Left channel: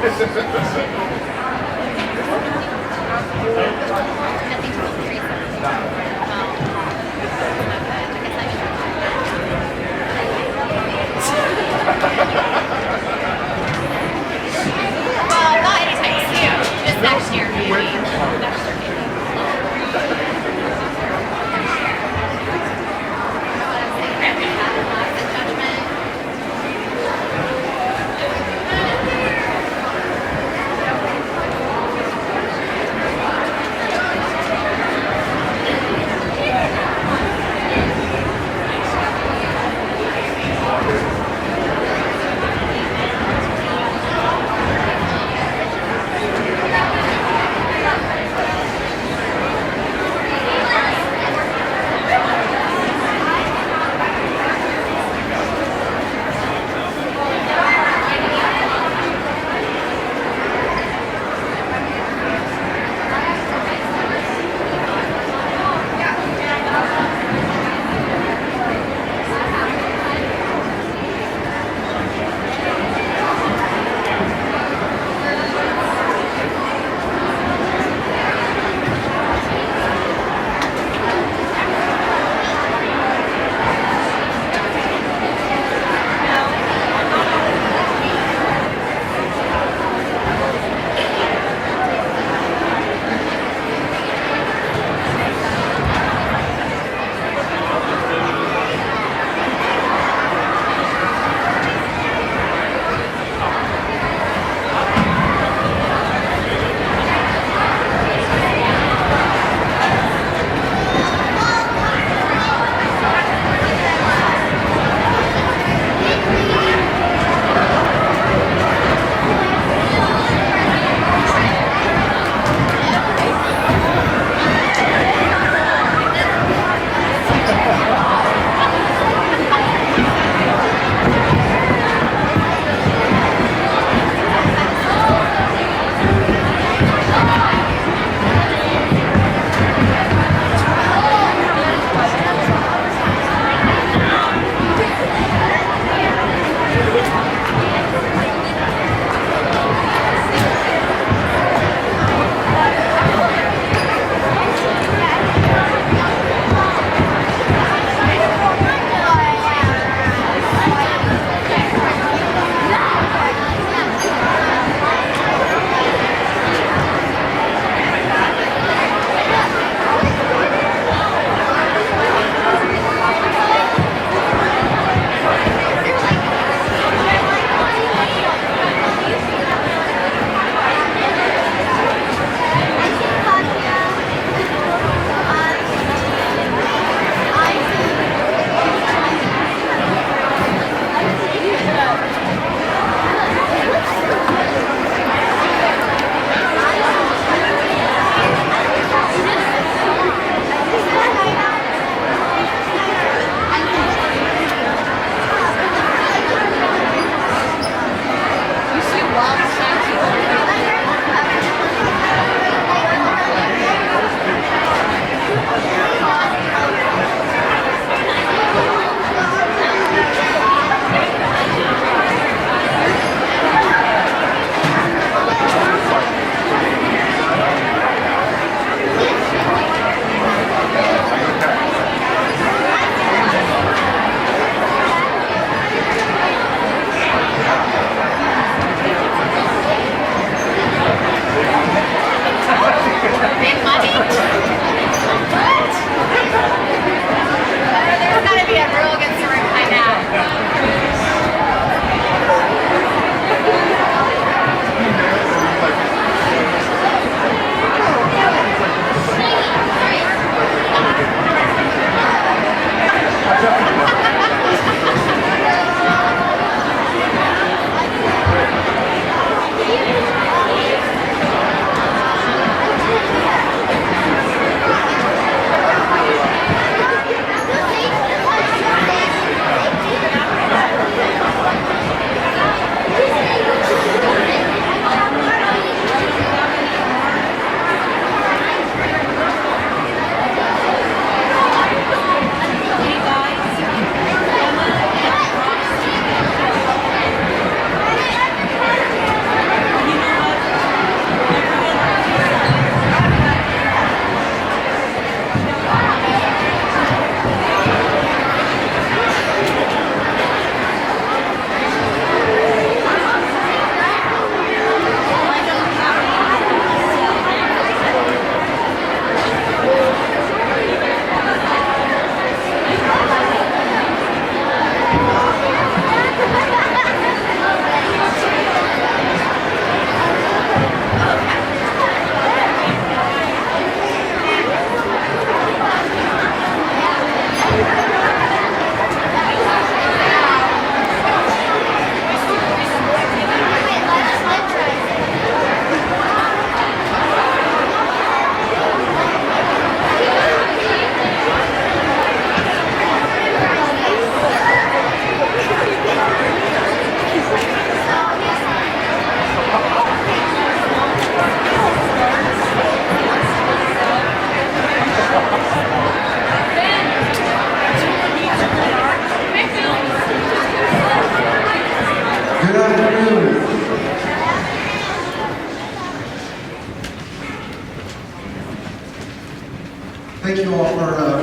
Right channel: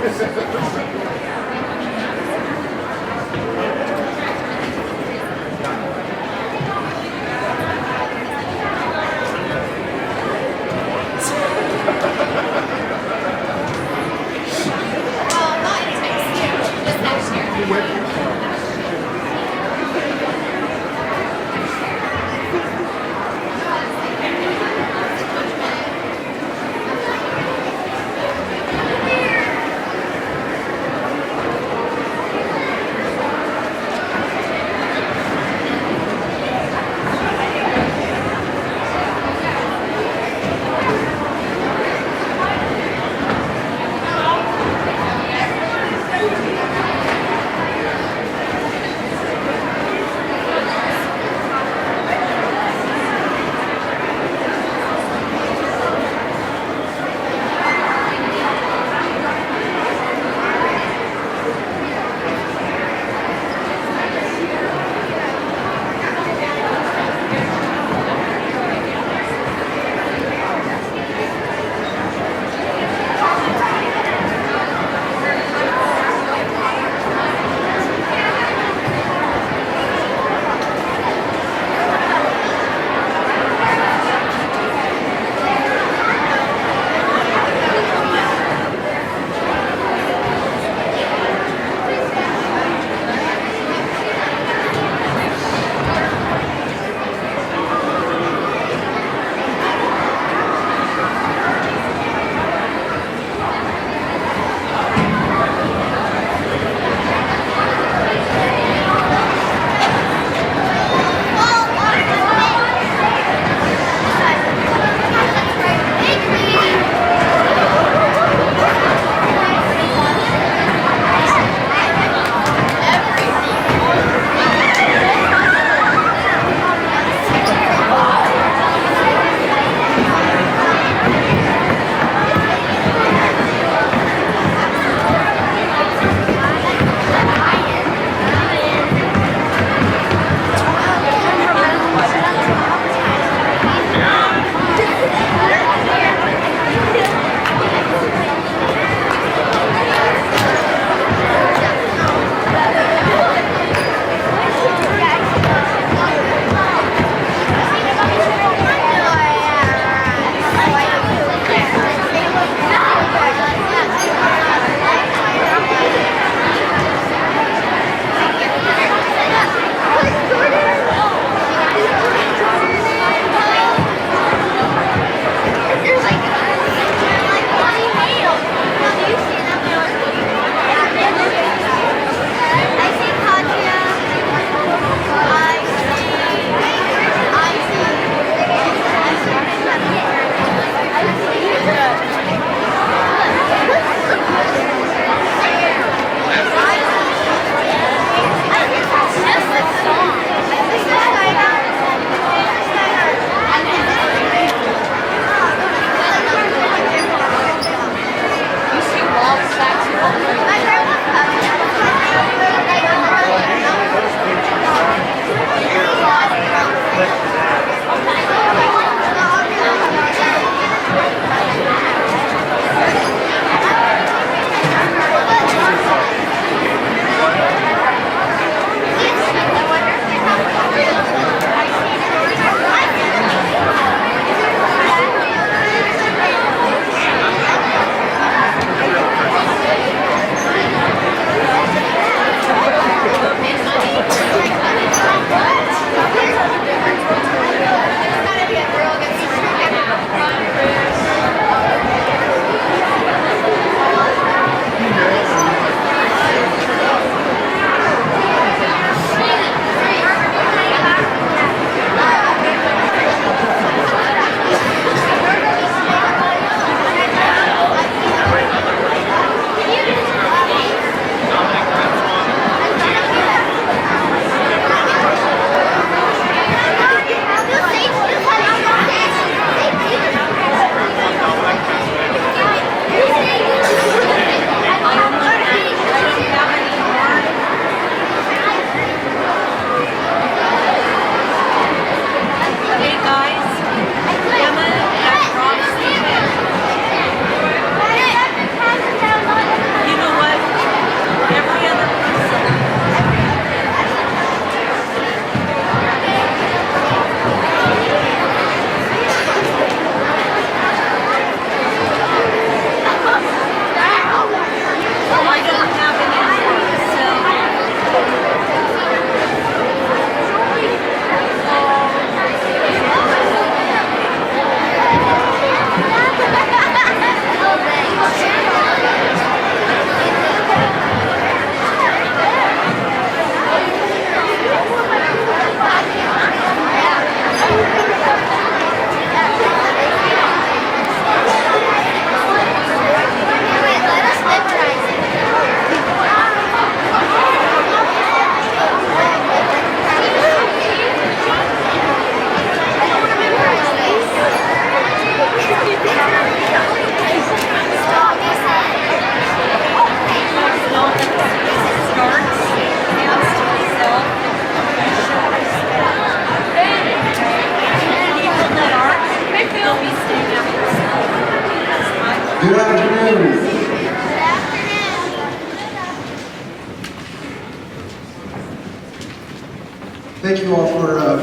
Well, not anytime soon. Just next year, maybe. Next year, maybe. Next year. What I'm saying, have the judgment.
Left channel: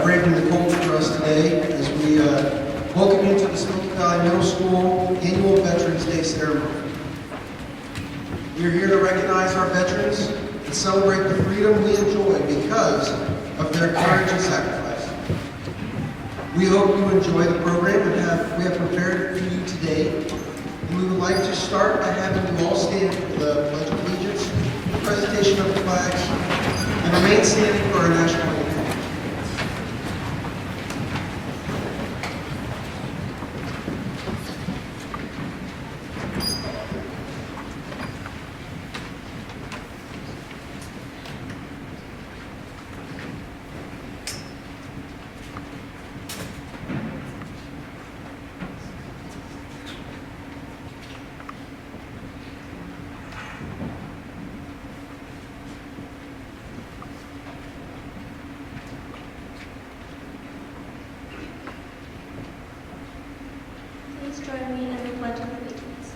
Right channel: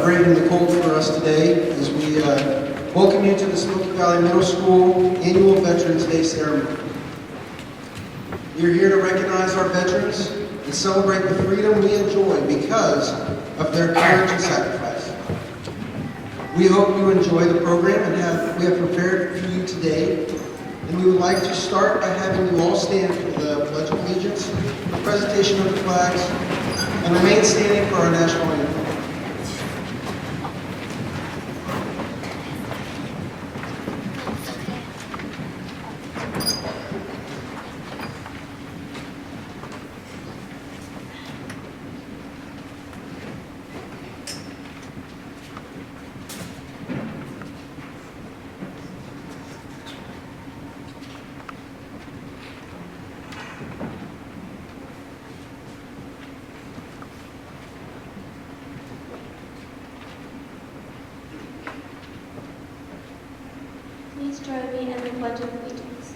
braving the cold for us today as we welcome you to the Smoky Valley Middle School Annual Veterans Day Ceremony. We are here to recognize our veterans and celebrate the freedom we enjoy because of their courage and sacrifice. We hope you enjoy the program and we have prepared for you today. And we would like to start by having you all stand for the Pledge of Allegiance, the presentation of the flags, and remain standing for our national anthem. Please join me in the Pledge of Allegiance.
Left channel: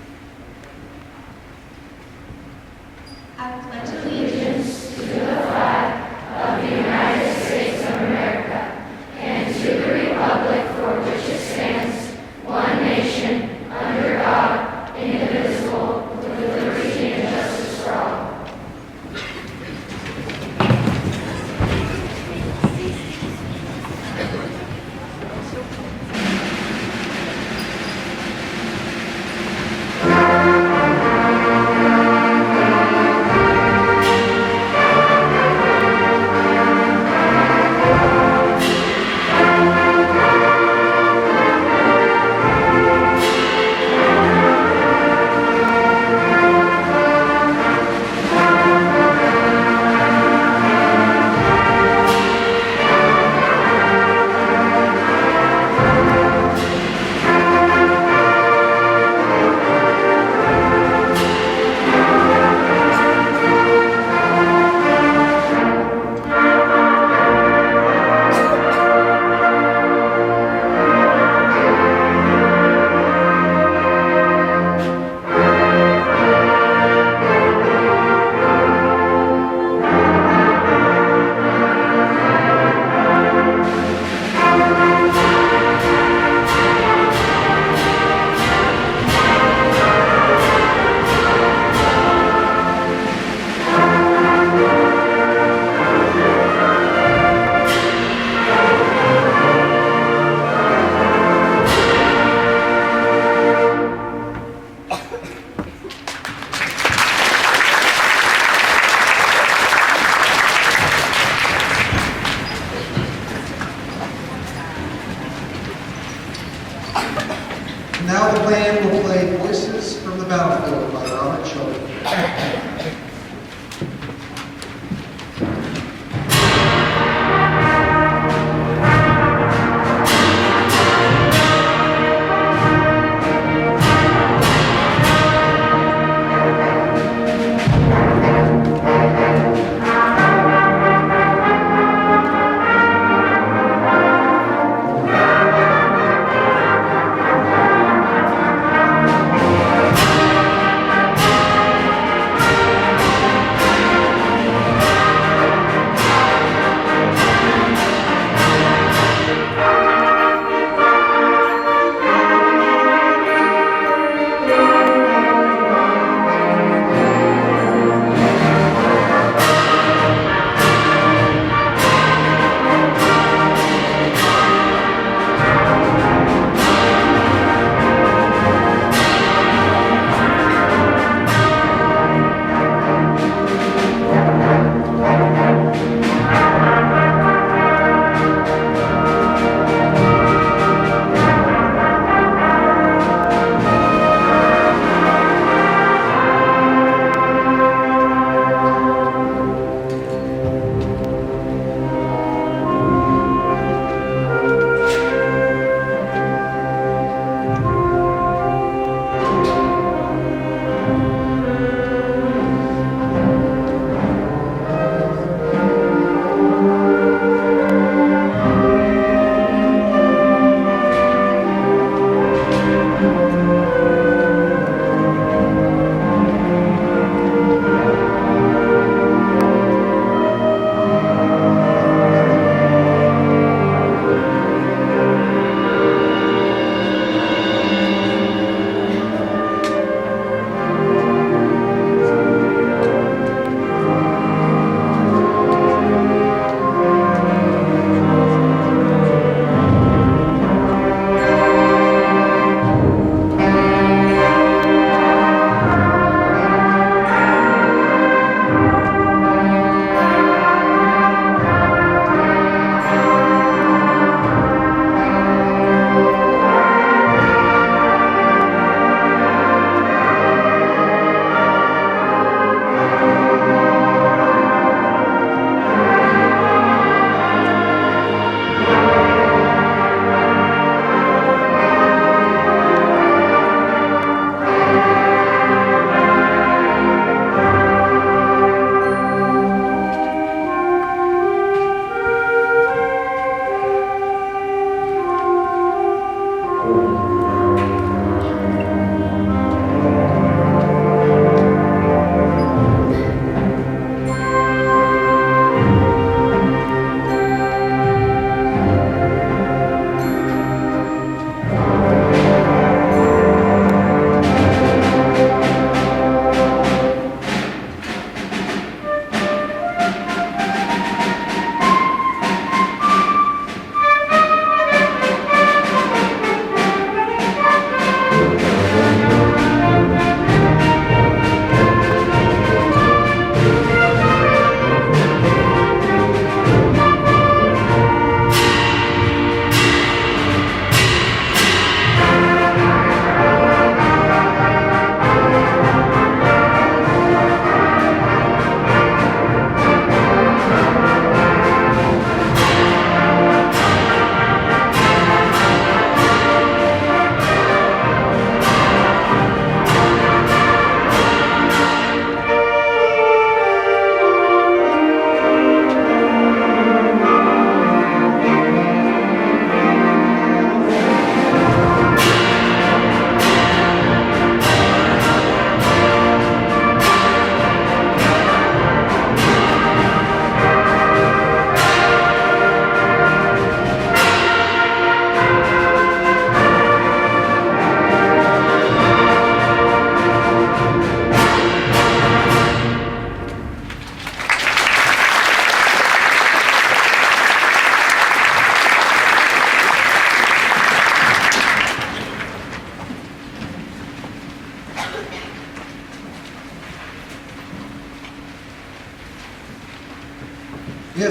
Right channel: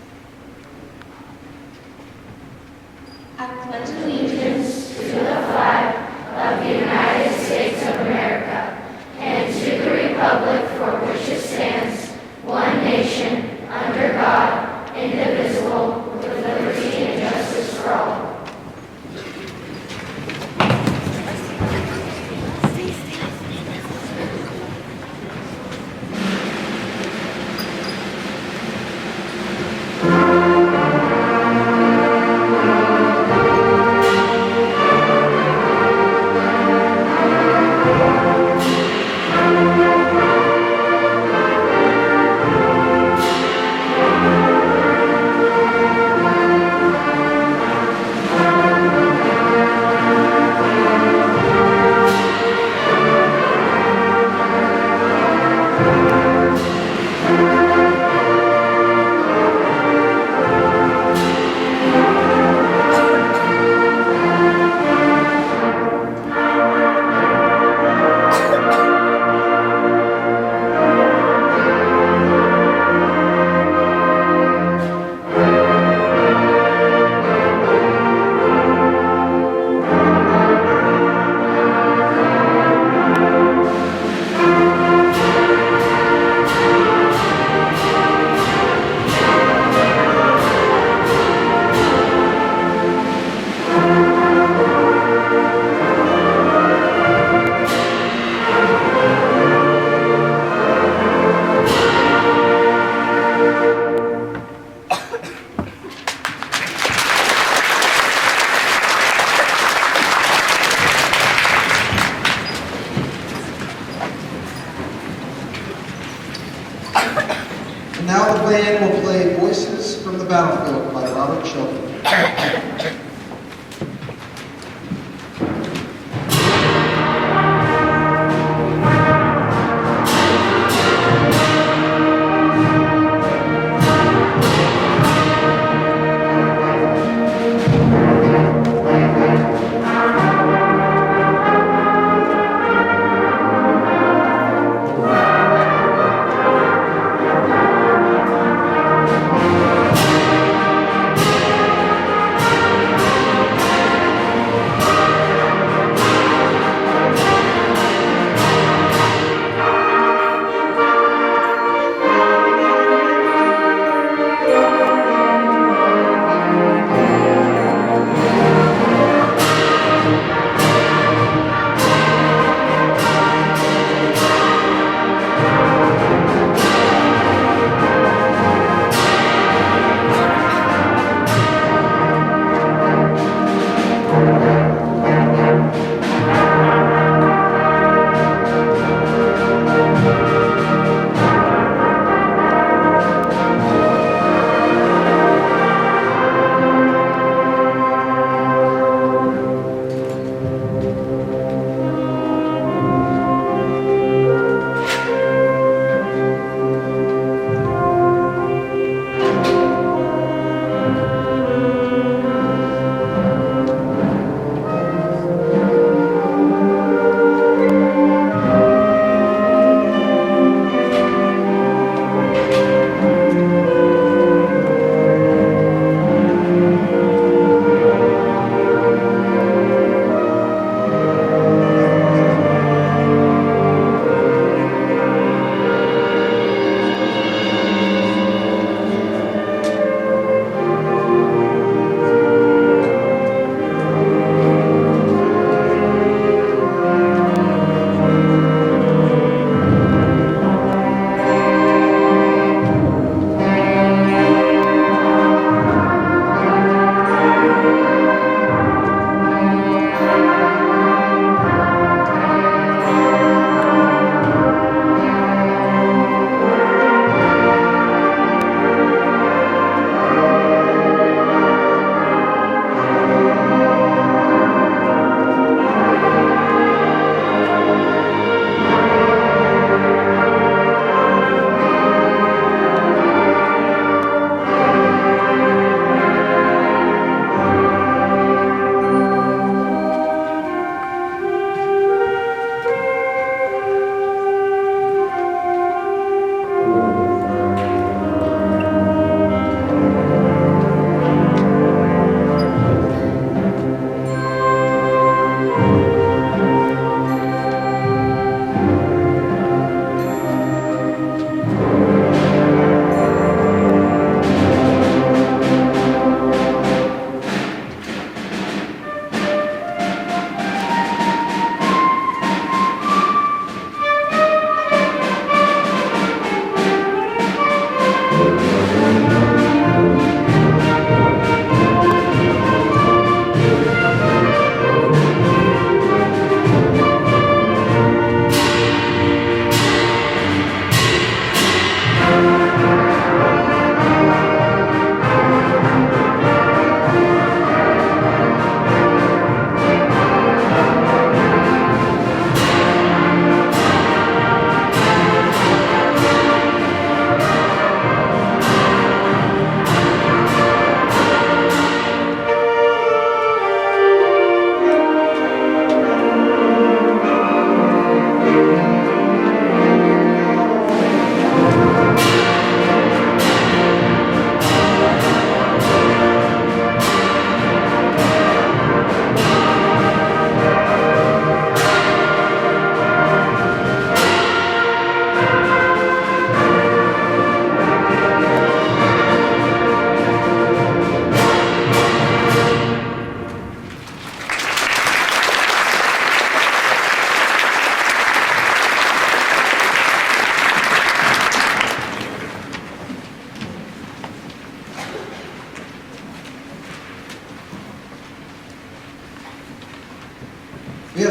I pledge allegiance to the flag of the United States of America and to the republic for which it stands, one nation, under God, indivisible, with liberty and justice for all. Now the band will play Voices from the Battlefield by Robert Shelton. Thank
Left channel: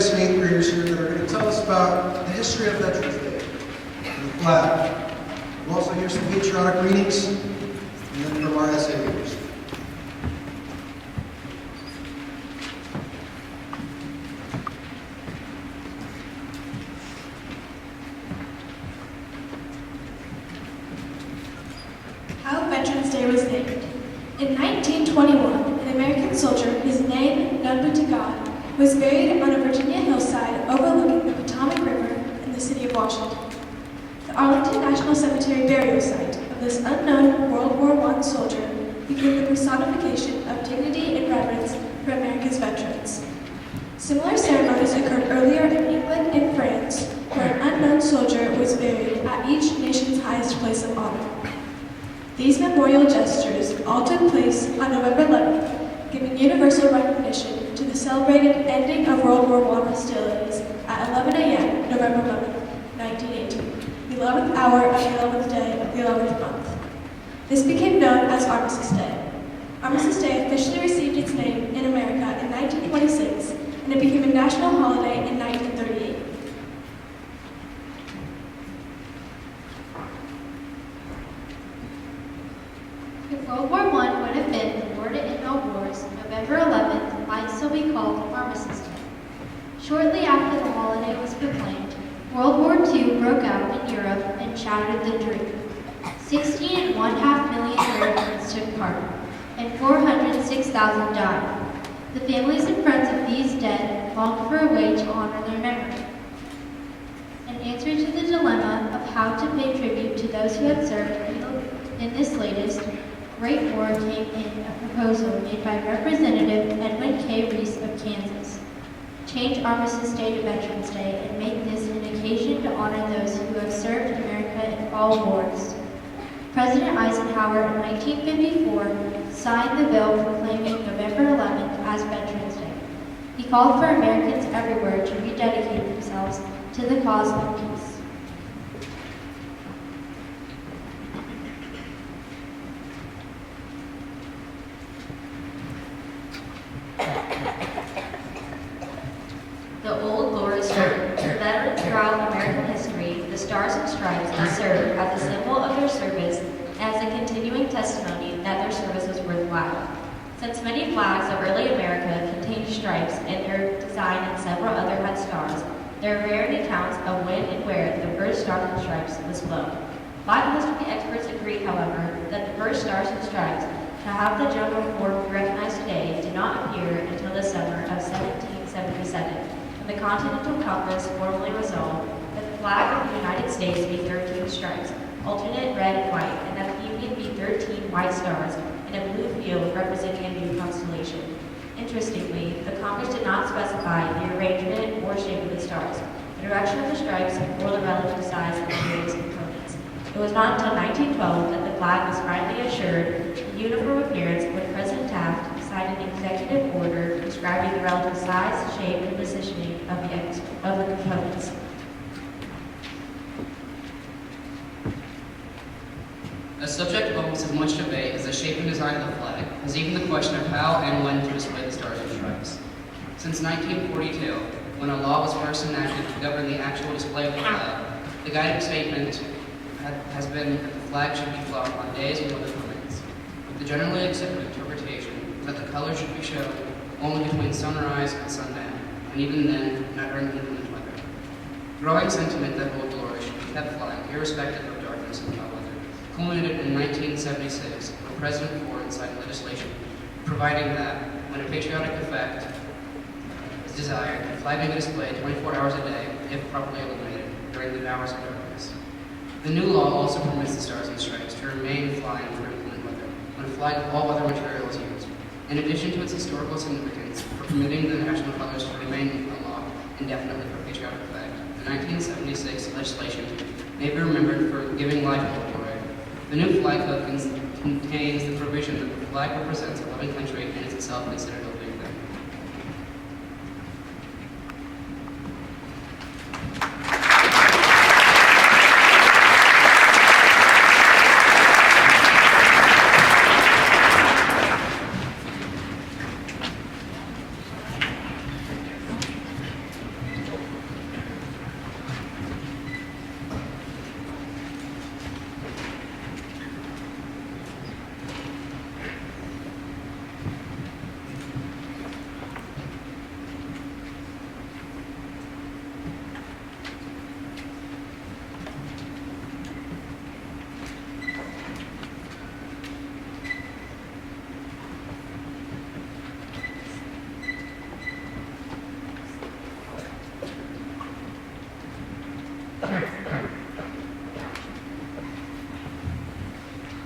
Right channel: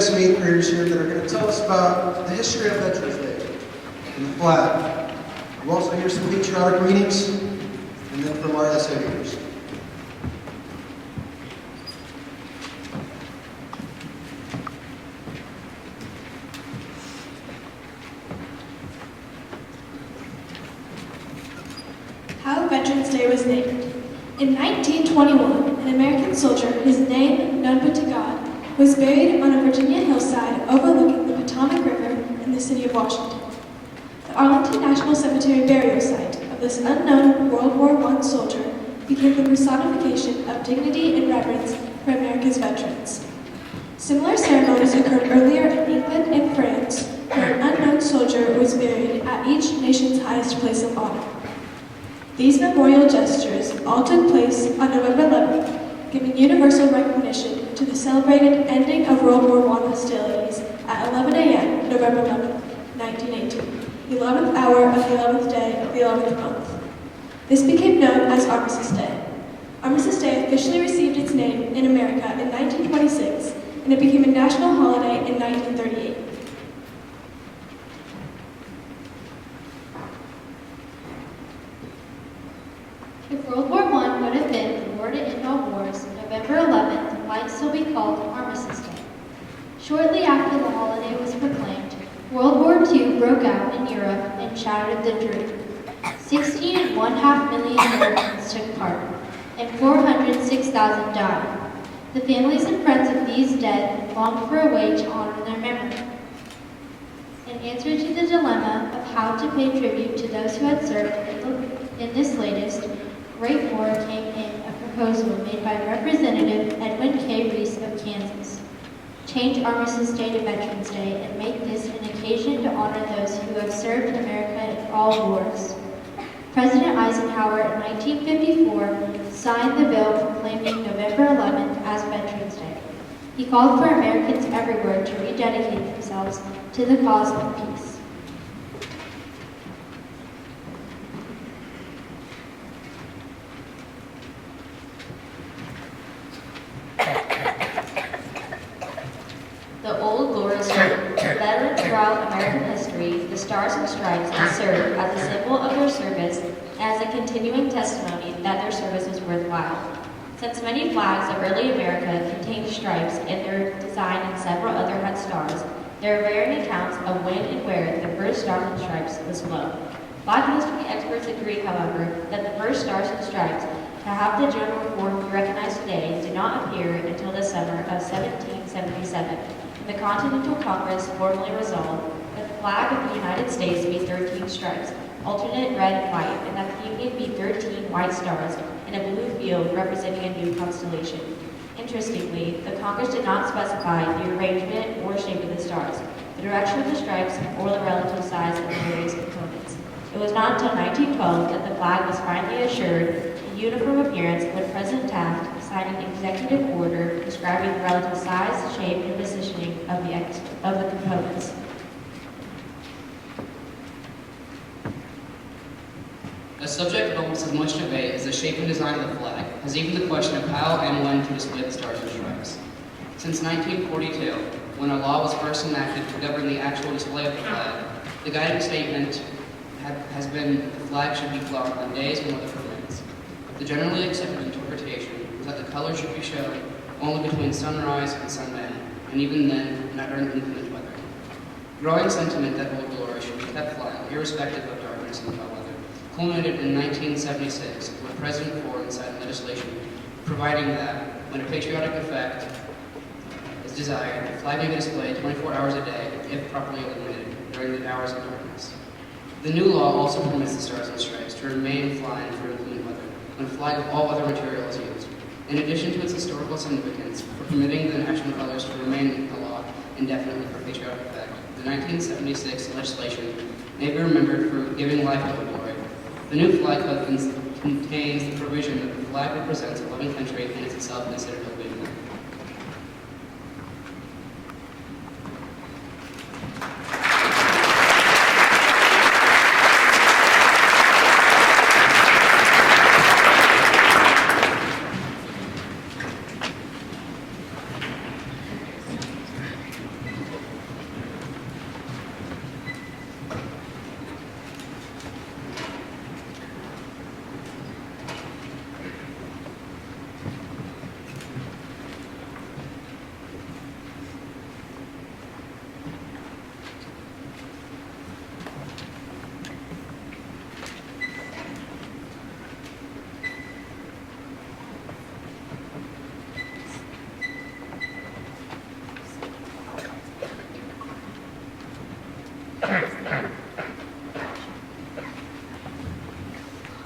have some 8th graders here that are going to tell us about the history of Veterans Day and the flag. We'll also hear some patriotic readings, and then from our essay readers. How Veterans Day was named. In 1921, an American soldier, whose name, known but to God, was buried on a Virginia hillside overlooking the Potomac River in the city of Washington. The Arlington National Cemetery burial site of this unknown World War I soldier became the personification of dignity and reverence for America's veterans. Similar ceremonies occurred earlier in England and France, where an unknown soldier was buried at each nation's highest place of honor. These memorial gestures all took place on November 11th, giving universal recognition to the celebrated ending of World War I hostilities at 11 a.m. November 11th, 1918, the 11th hour of the 11th day of the 11th month. This became known as Armistice Day. Armistice Day officially received its name in America in 1926, and it became a national holiday in 1938. If World War I would have been the war to end all wars, November 11th might still be called Armistice Day. Shortly after the holiday was proclaimed, World War II broke out in Europe and shattered the dream. 16.5 million Americans took part, and 406,000 died. The families and friends of these dead longed for a way to honor their memory. In answer to the dilemma of how to pay tribute to those who had served in this latest Great War came in a proposal made by Representative Edwin K. Reese of Kansas. Change Armistice Day to Veterans Day and make this an occasion to honor those who have served America in all wars. President Eisenhower in 1954 signed the bill proclaiming November 11th as Veterans Day. He called for Americans everywhere to rededicate themselves to the cause of peace. The Old Glory Story. Veterans throughout American history, the Stars and Stripes have served as a symbol of their service and as a continuing testimony that their service was worthwhile. Since many flags of early America contained stripes in their design and several other had stars, there are varying accounts of when and where the first Stars and Stripes was flown. Flag history experts agree, however, that the first Stars and Stripes to have the general form we recognize today did not appear until the summer of 1777, when the Continental Congress formally resolved that the flag of the United States be 13 stripes, alternate red and white, and that the Union be 13 white stars in a blue field representing a new constellation. Interestingly, the Congress did not specify the arrangement or shape of the stars, the direction of the stripes, or the relative size of the various components. It was not until 1912 that the flag was finally assured a uniform appearance when President Taft signed an executive order describing the relative size, shape, and positioning of the components. A subject of almost as much debate as the shape and design of the flag is even the question of how and when to display the stars and stripes. Since 1942, when a law was first enacted to govern the actual display of the flag, the guiding statement has been that the flag should be flown on days when weather permits. The generally accepted interpretation is that the colors should be shown only between sunrise and sundown, and even then, not during inclement weather. Growing sentiment that Old Glory should be kept flying, irrespective of darkness and foul weather, culminated in 1976 when President Ford signed legislation providing that, when a patriotic effect is desired, the flag may be displayed 24 hours a day, if properly illuminated, during the hours of darkness. The new law also permits the Stars and Stripes to remain flying for inclement weather, when a flag of all weather material is used. In addition to its historical significance for permitting the national colors to remain aloft indefinitely for patriotic effect, the 1976 legislation may be remembered for giving life to Old Glory. The new flag code contains the provision that the flag represents a loving country and is itself considered a living thing.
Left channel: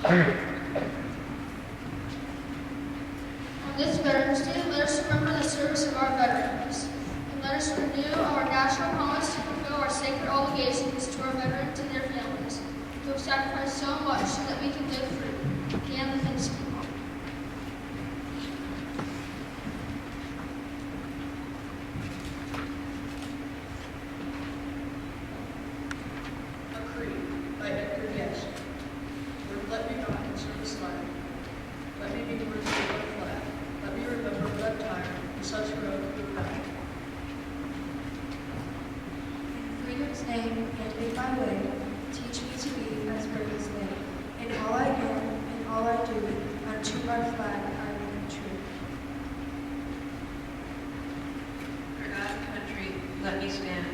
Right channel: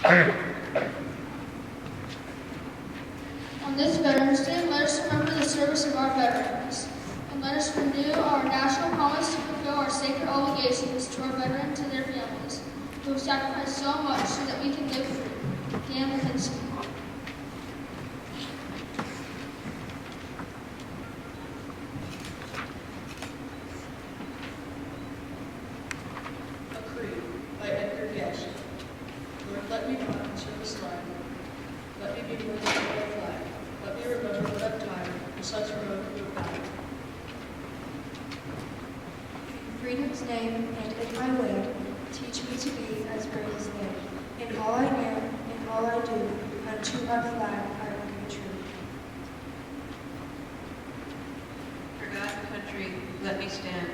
On this Veterans Day, let us remember the service of our veterans, and let us renew our national promise to fulfill our sacred obligations to our veterans and their families, who have sacrificed so much so that we can live free. Dan Lipinski. A Creed by Edgar Guest. Lord, let me not serve this land. Let me be worthy of our flag. Let me remember what time the sons heroic who have died. In freedom's name and in my way, teach me to be as brave as they. In all I am, in all I do, unto our flag I will be true. For God and country, let me stand,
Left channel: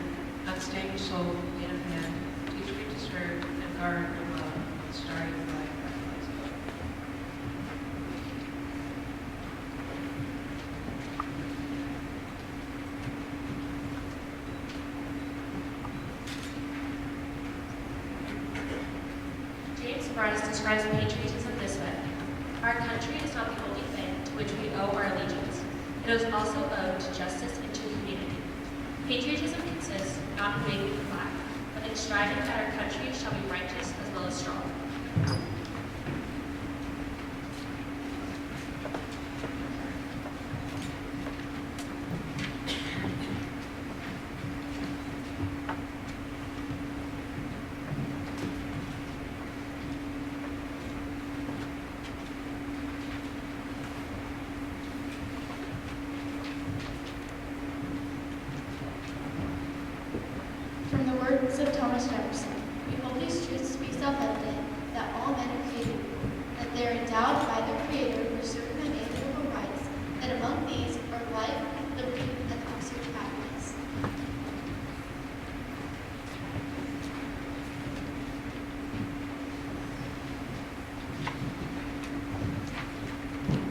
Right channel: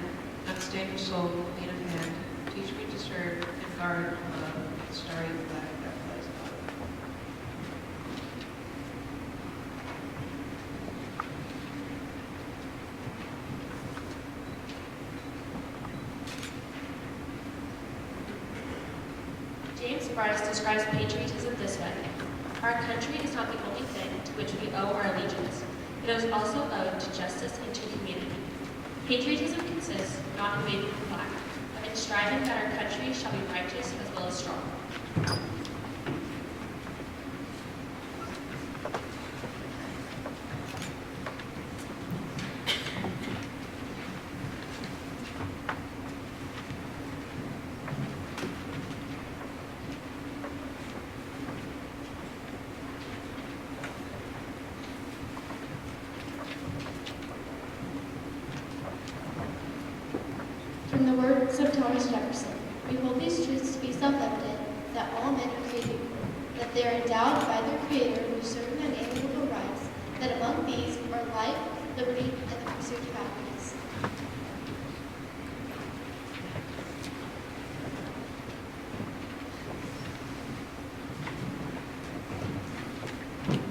unstable soul, lean of hand. Teach me to serve and guard and love the starry flag that flies above. James Bryce describes patriotism this way. Our country is not the only thing to which we owe our allegiance. It is also owed to justice and to humanity. Patriotism consists not in waving the flag, but in striving that our country shall be righteous as well as strong. From the words of Thomas Jefferson, we hold these truths to be self-evident, that all men are created equal, that they are endowed by their Creator with certain unalienable rights, that among these are life, liberty, and the pursuit of happiness.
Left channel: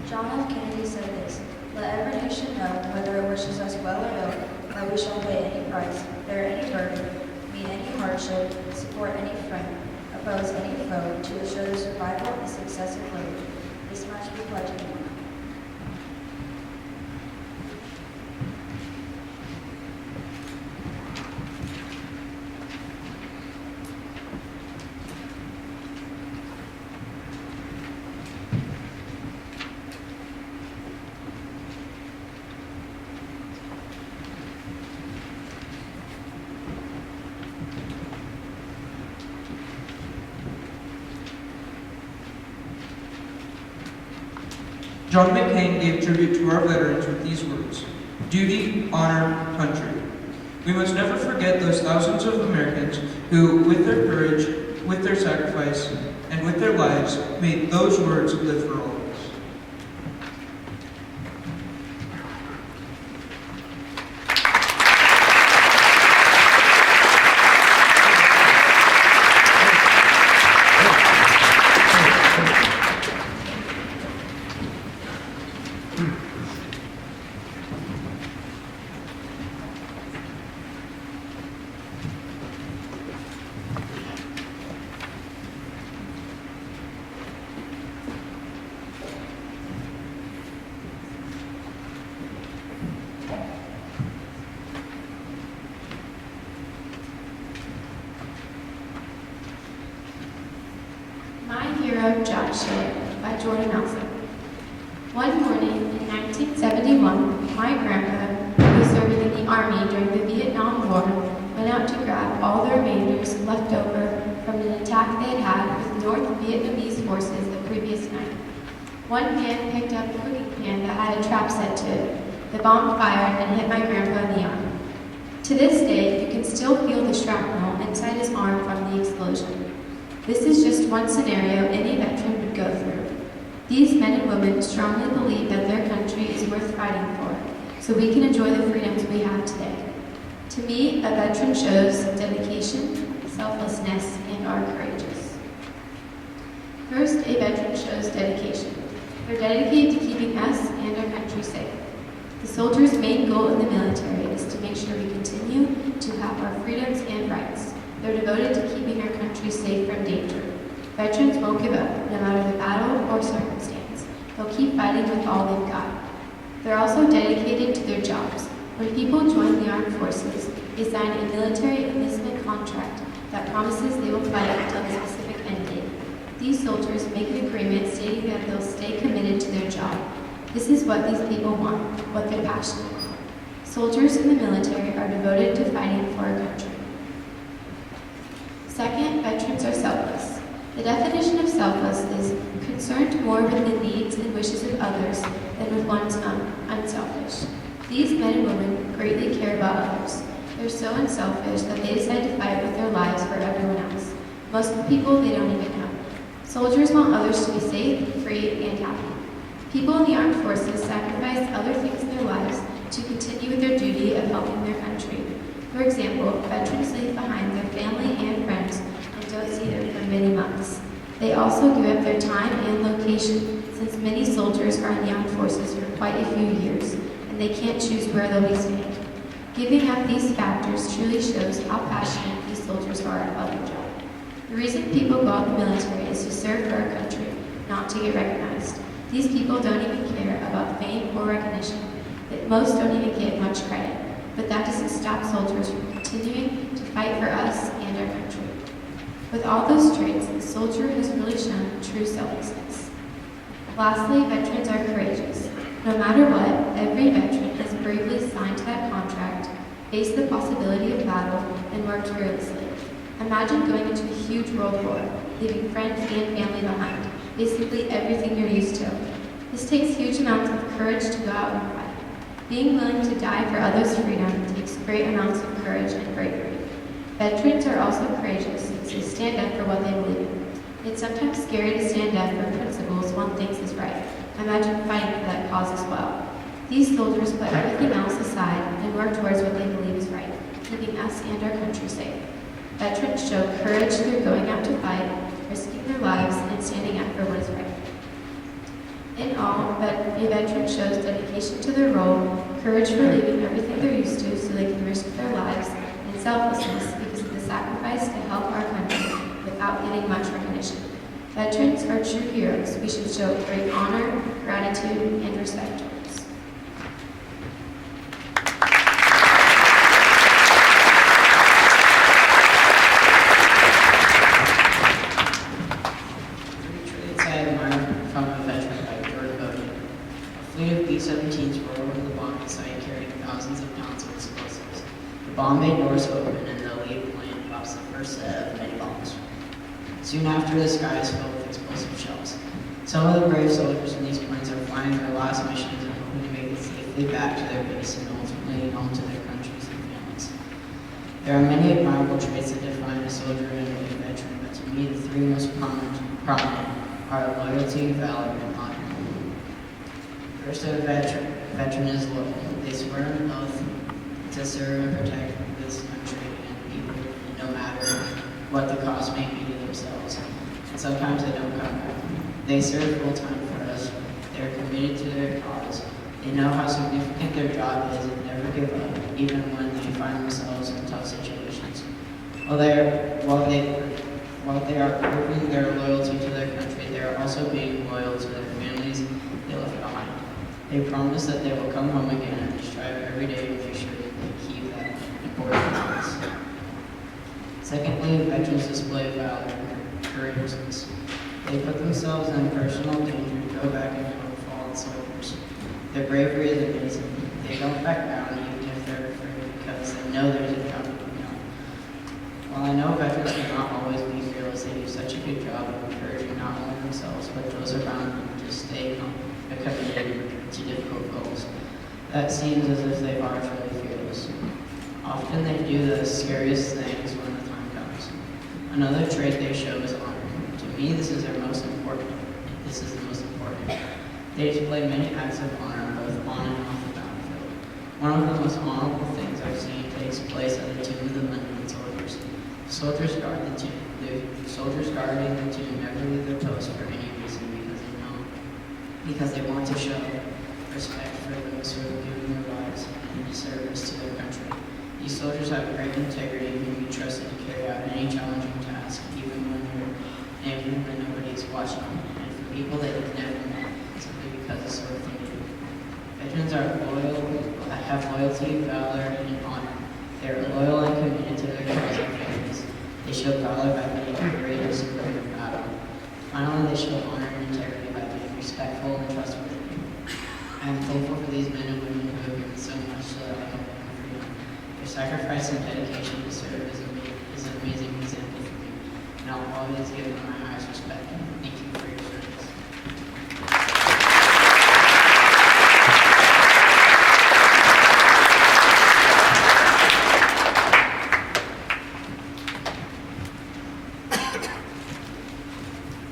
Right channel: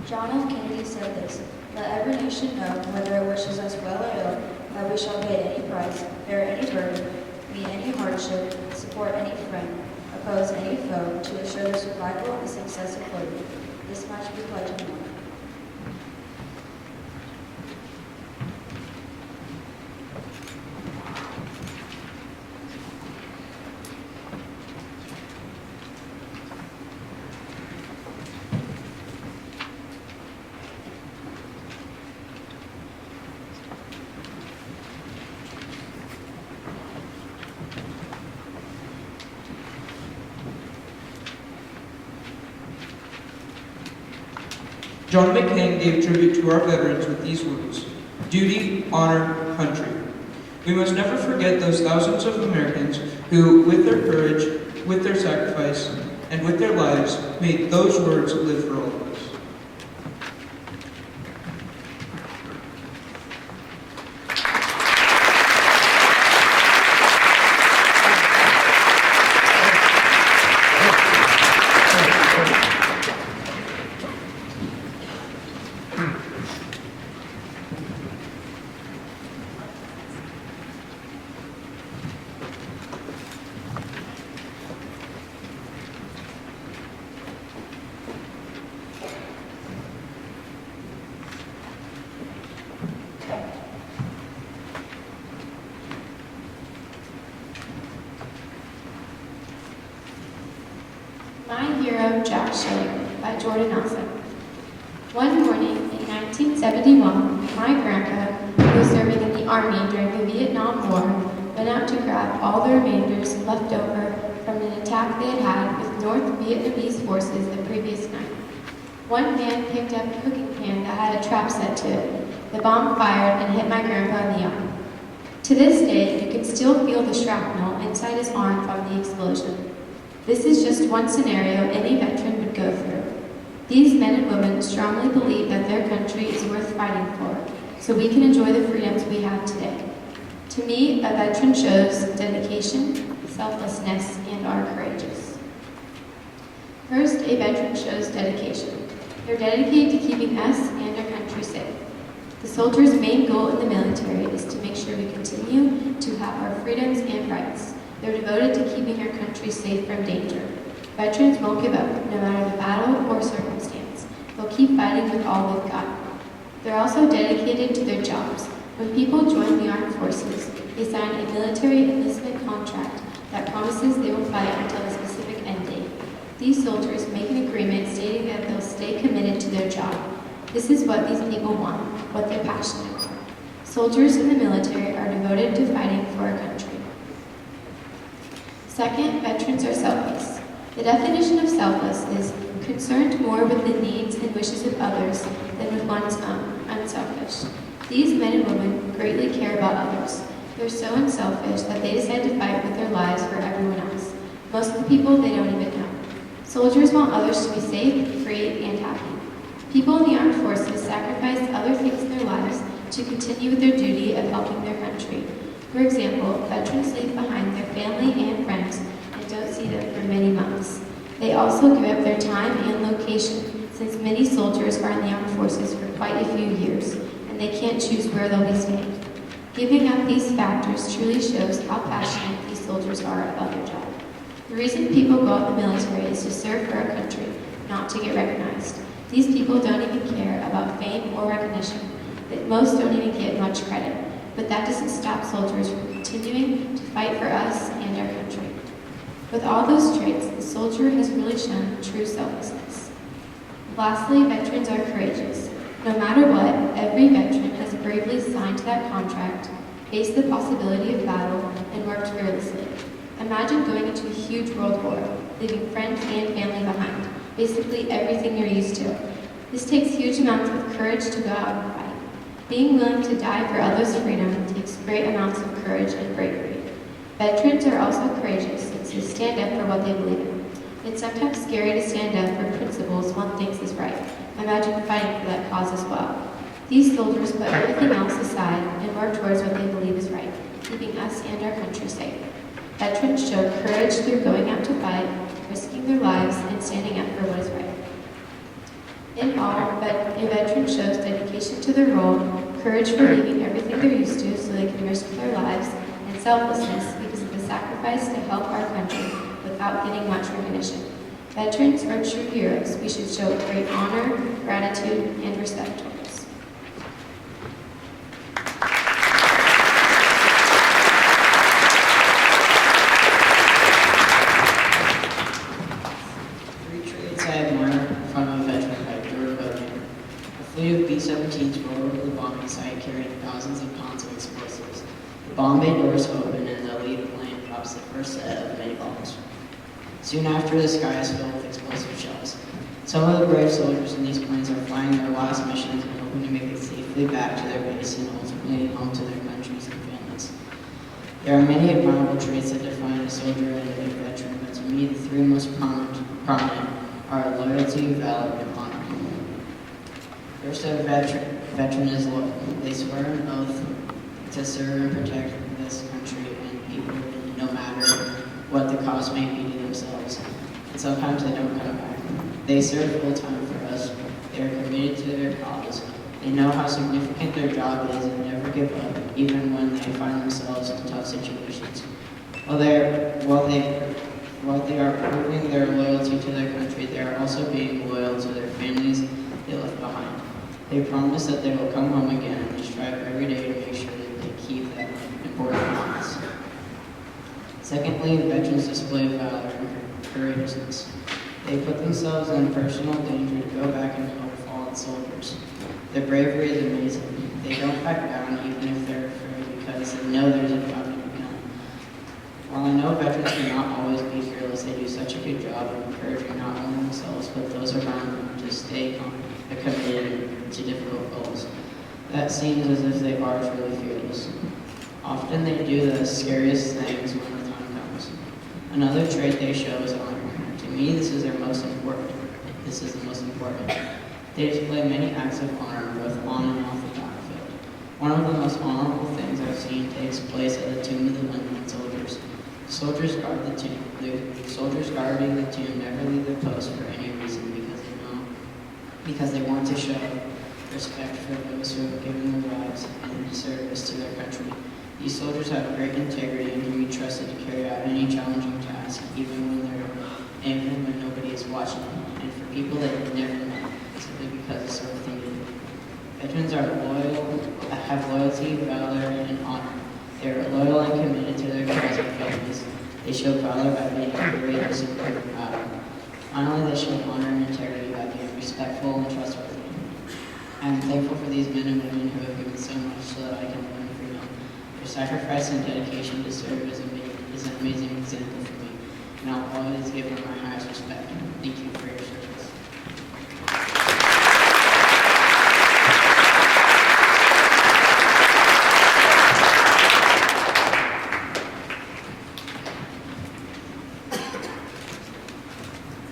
John F. Kennedy said this: "Let every nation know, whether it wishes us well or ill, that we shall pay any price, bear any burden, meet any hardship, support any friend, oppose any foe, to assure the survival and the success of liberty. This much we pledge and more." John McCain gave tribute to our veterans with these words: duty, honor, country. We must never forget those thousands of Americans who, with their courage, with their sacrifice, and with their lives, made those words live for all of us. My Hero, Jack Schilling, by Jordan Nelson. One morning in 1971, my grandpa, who was serving in the Army during the Vietnam War, went out to grab all the remainders left over from an attack they had had with North Vietnamese forces the previous night. One man picked up a cooking pan that had a trap set to it. The bomb fired and hit my grandpa in the arm. To this day, you can still feel the shrapnel inside his arm from the explosion. This is just one scenario any veteran would go through. These men and women strongly believe that their country is worth fighting for, so we can enjoy the freedoms we have today. To me, a veteran shows dedication, selflessness, and are courageous. First, a veteran shows dedication. They're dedicated to keeping us and our country safe. The soldier's main goal in the military is to make sure we continue to have our freedoms and rights. They're devoted to keeping our country safe from danger. Veterans won't give up, no matter the battle or circumstance. They'll keep fighting with all they've got. They're also dedicated to their jobs. When people join the armed forces, they sign a military enlistment contract that promises they will fight until the specific end date. These soldiers make an agreement stating that they'll stay committed to their job. This is what these people want, what they're passionate about. Soldiers in the military are devoted to fighting for our country. Second, veterans are selfless. The definition of selfless is concerned more with the needs and wishes of others than with one's own, unselfish. These men and women greatly care about others. They're so unselfish that they decide to fight with their lives for everyone else. Most of the people they don't even know. Soldiers want others to be safe, free, and happy. People in the armed forces sacrifice other things in their lives to continue with their duty of helping their country. For example, veterans leave behind their family and friends and don't see them for many months. They also give up their time and location, since many soldiers are in the armed forces for quite a few years, and they can't choose where they'll be staying. Giving up these factors truly shows how passionate these soldiers are about their job. The reason people go out in the military is to serve for our country, not to get recognized. These people don't even care about fame or recognition. Most don't even get much credit, but that doesn't stop soldiers from continuing to fight for us and our country. With all those traits, the soldier has really shown true selflessness. Lastly, veterans are courageous. No matter what, every veteran has bravely signed that contract, faced the possibility of battle, and worked fearlessly. Imagine going into a huge world war, leaving friends and family behind, basically everything you're used to. This takes huge amounts of courage to go out and fight. Being willing to die for others' freedom takes great amounts of courage and bravery. Veterans are also courageous since they stand up for what they believe in. It's sometimes scary to stand up for principles one thinks is right. Imagine fighting for that cause as well. These soldiers put everything else aside and work towards what they believe is right, keeping us and our country safe. Veterans show courage through going out to fight, risking their lives, and standing up for what is right. In all, a veteran shows dedication to their role, courage for leaving everything they're used to so they can risk their lives, and selflessness because of the sacrifice to help our country without getting much recognition. Veterans are true heroes. We should show great honor, gratitude, and respect towards. Three traits I admire from a veteran by Jordan Bowden. A fleet of B-17s rolled over the bombing site carrying thousands of pounds of explosives. The bomb bay doors open and the lead plane drops the first set of many bombs. Soon after, the sky is filled with explosive shells. Some of the brave soldiers in these planes are flying their last missions and hoping to make it safely back to their base and ultimately home to their countries and families. There are many admirable traits that define a soldier and a veteran, but to me, the three most prominent are loyalty, valor, and honor. First, a veteran is loyal. They swear an oath to serve and protect this country and people, no matter what the cost may be to themselves. And sometimes they don't come back. They serve full time for us. They are committed to their cause. They know how significant their job is and never give up, even when they find themselves in tough situations. While they are proving their loyalty to their country, they are also being loyal to their families they left behind. They promise that they will come home again, and they strive every day to make sure that they keep that important promise. Secondly, veterans display valor and courageousness. They put themselves in personal danger to go back and help fallen soldiers. Their bravery is amazing. They don't back down even if they're afraid because they know there's a job to be done. While I know veterans cannot always be fearless, they do such a good job of encouraging not only themselves but those around them to stay committed to difficult goals. That seems as if they are truly fearless. Often they do the scariest things when the time comes. Another trait they show is honor. To me, this is the most important. They display many acts of honor both on and off the battlefield. One of the most honorable things I've seen takes place at the tomb of the unknown soldiers. The soldiers guard the tomb. The soldiers guarding the tomb never leave their post for any reason because they want to show respect for those who have given their lives in service to their country. These soldiers have great integrity and can be trusted to carry out any challenging task, even when watching, and for people that you've never met simply because of something you do. Veterans are loyal, have loyalty, valor, and honor. They are loyal and committed to their jobs and families. They show valor by being courageous and brave in battle. Finally, they show honor and integrity by being respectful and trustworthy. I am thankful for these men and women who have given so much so that I can learn from them. Their sacrifice and dedication to serve is an amazing example for me, and I'll always give them my highest respect. Thank you for your service.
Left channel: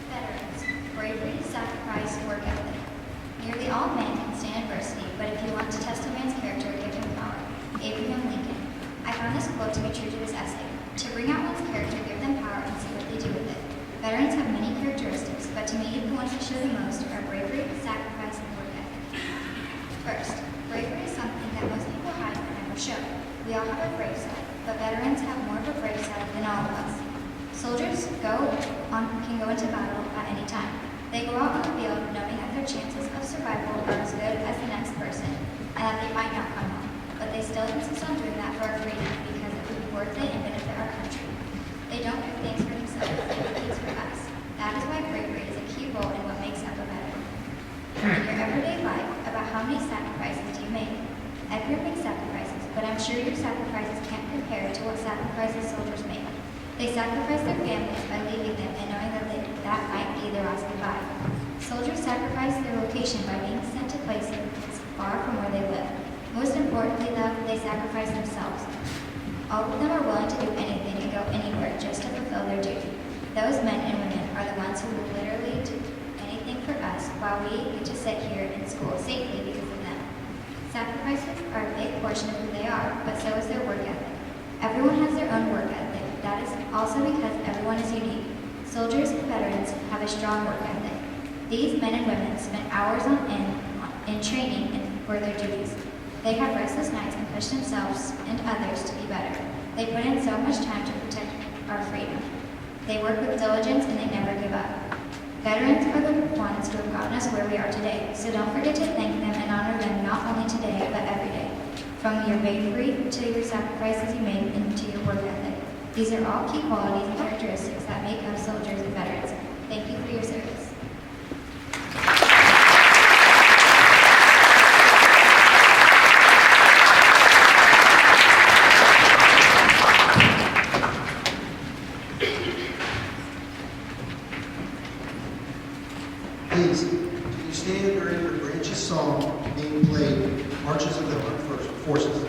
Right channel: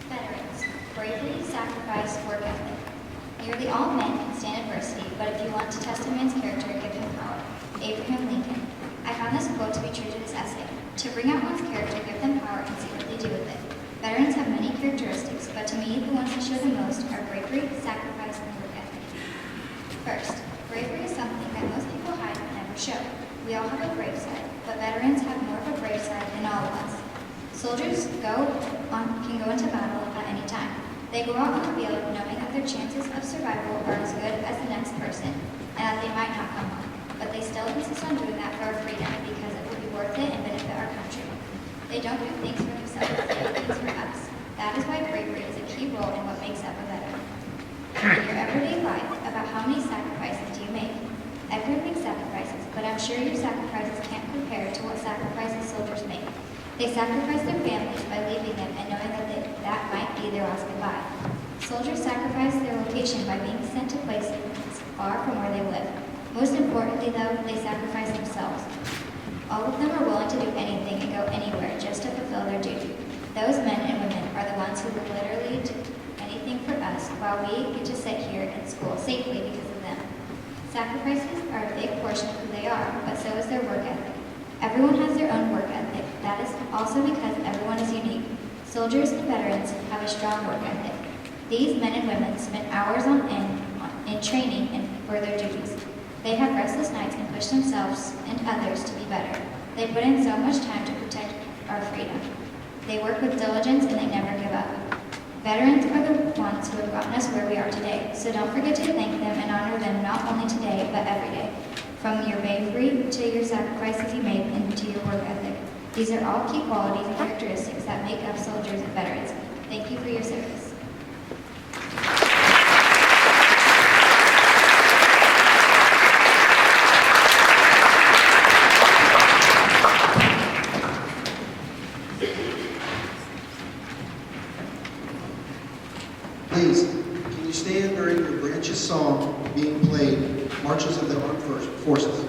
Veterans, bravery, sacrifice, work ethic. Nearly all men can stand adversity, but if you want to test a man's character, give him power. Abraham Lincoln. I found this quote to be true to this essay. To bring out one's character, give them power and see what they do with it. Veterans have many characteristics, but to me, the ones that show the most are bravery, sacrifice, and work ethic. First, bravery is something that most people hide but never show. We all have a brave side, but veterans have more of a brave side than all of us. Soldiers can go into battle at any time. They go out on the field knowing that their chances of survival are as good as the next person, and that they might not come home. But they still insist on doing that for our freedom because it will be worth it and benefit our country. They don't do things for themselves, they do things for us. That is why bravery is a key role in what makes up a veteran. In your everyday life, about how many sacrifices do you make? Everyone makes sacrifices, but I'm sure your sacrifices can't compare to what sacrifices soldiers make. They sacrifice their families by leaving them and knowing that that might be their last goodbye. Soldiers sacrifice their location by being sent to places far from where they live. Most importantly, though, they sacrifice themselves. All of them are willing to do anything and go anywhere just to fulfill their duty. Those men and women are the ones who will literally do anything for us while we get to sit here in school safely because of them. Sacrifices are a big portion of who they are, but so is their work ethic. Everyone has their own work ethic. That is also because everyone is unique. Soldiers and veterans have a strong work ethic. These men and women spend hours on end in training and for their duties. They have restless nights and push themselves and others to be better. They put in so much time to protect our freedom. They work with diligence and they never give up. Veterans are the ones who have gotten us where we are today, so don't forget to thank them and honor them not only today, but every day. From your bravery to your sacrifices you make and to your work ethic. These are all key qualities and characteristics that make up soldiers and veterans. Thank you for your service. Please, can you stand during your branches song being played, Marches of the Armed Forces?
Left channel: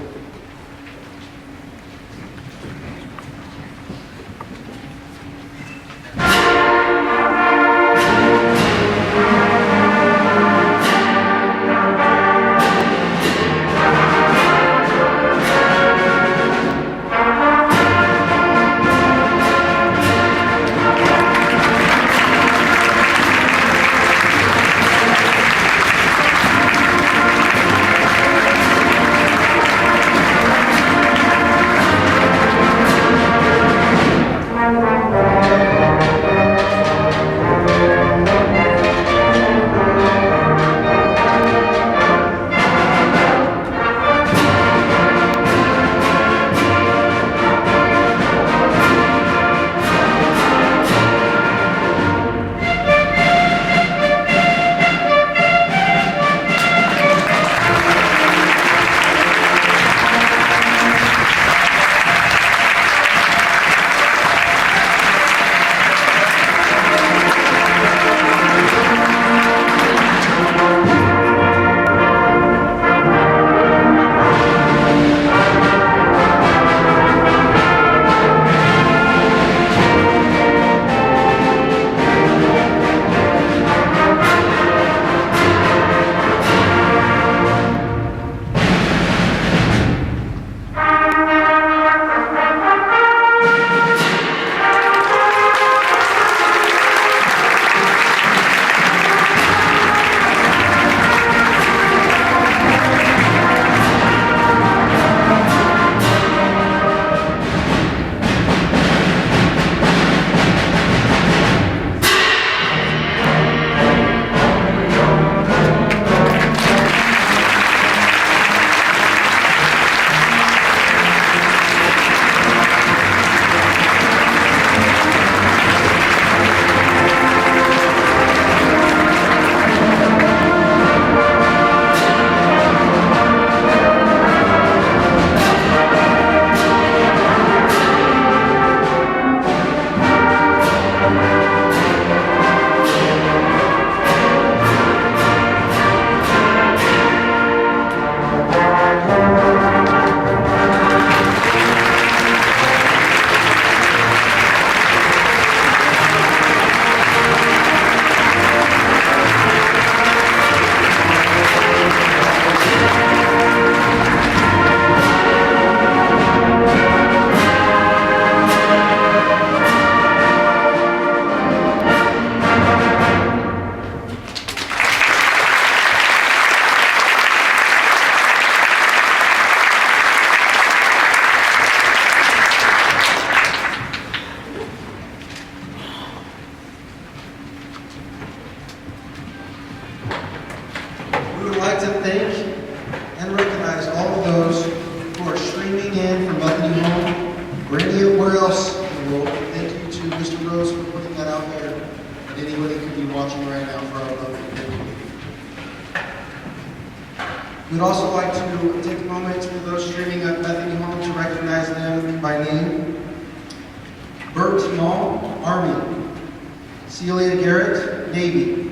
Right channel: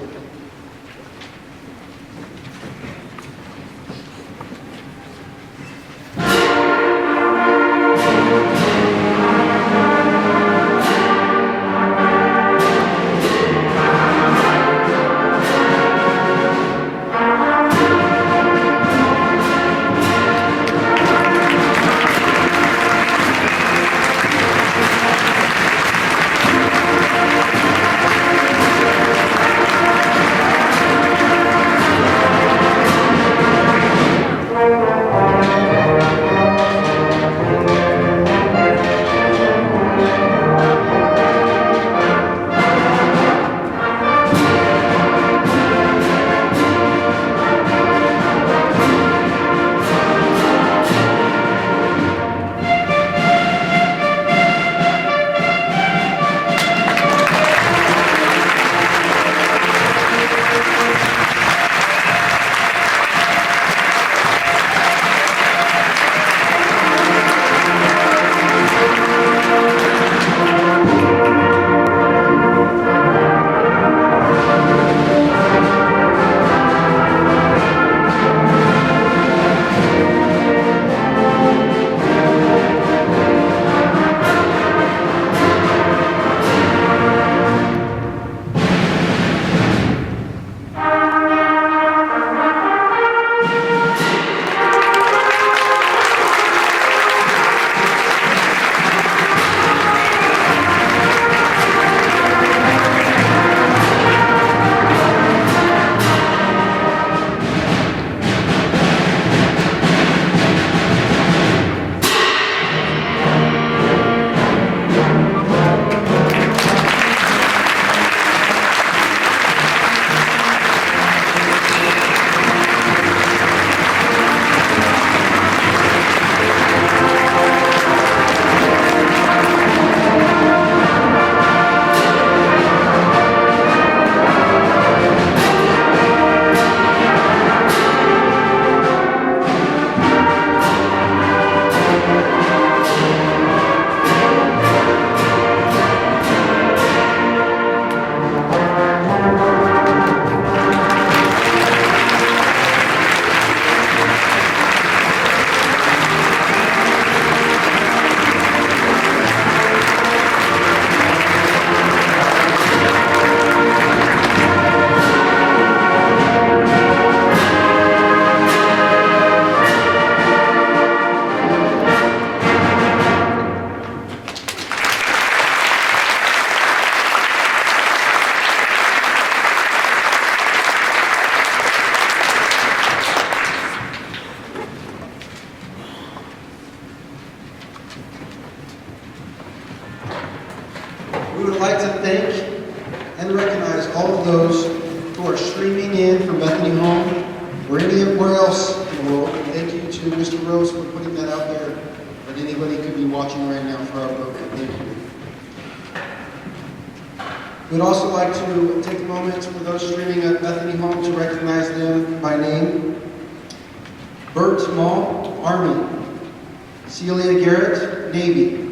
like to thank and recognize all of those who are streaming in from Bethany Home or anywhere else in the world. And thank you to Mr. Rose for putting that out there, but anybody could be watching right now for our program. Thank you. We'd also like to take a moment for those streaming at Bethany Home to recognize them by name. Bert Mall, Army. Celia Garrett, Navy.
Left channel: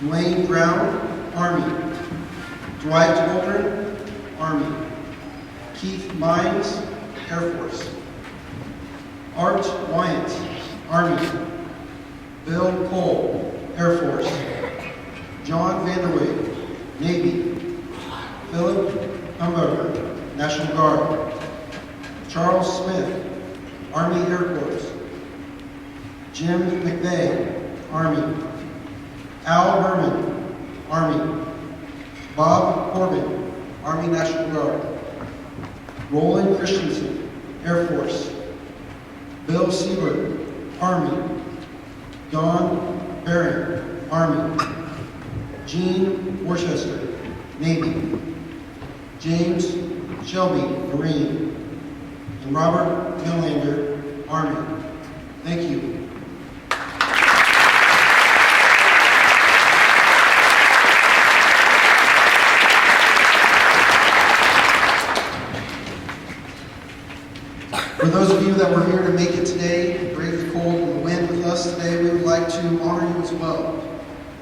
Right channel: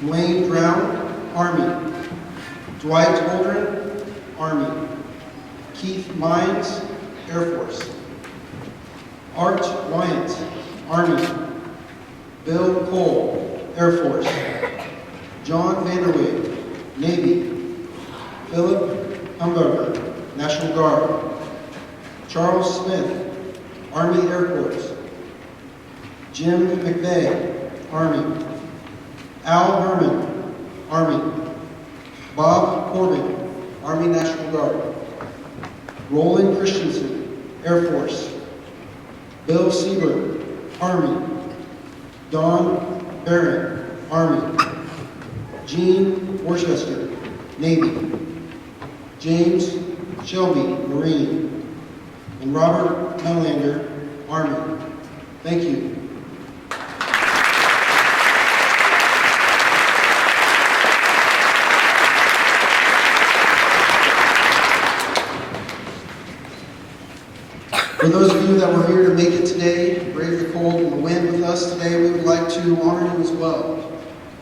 Dwayne Brown, Army. Dwight Holdren, Army. Keith Mines, Air Force. Art Wyant, Army. Bill Cole, Air Force. John Vanderweg, Navy. Philip Humberger, National Guard. Charles Smith, Army Air Corps. Jim McVeigh, Army. Al Herman, Army. Bob Corbin, Army National Guard. Roland Christensen, Air Force. Bill Siebert, Army. Don Barron, Army. Gene Worcester, Navy. James Shelby, Marine. And Robert Melander, Army. Thank you. For those of you that were here to make it today, brave the cold and the wind with us today, we would like to honor you as well.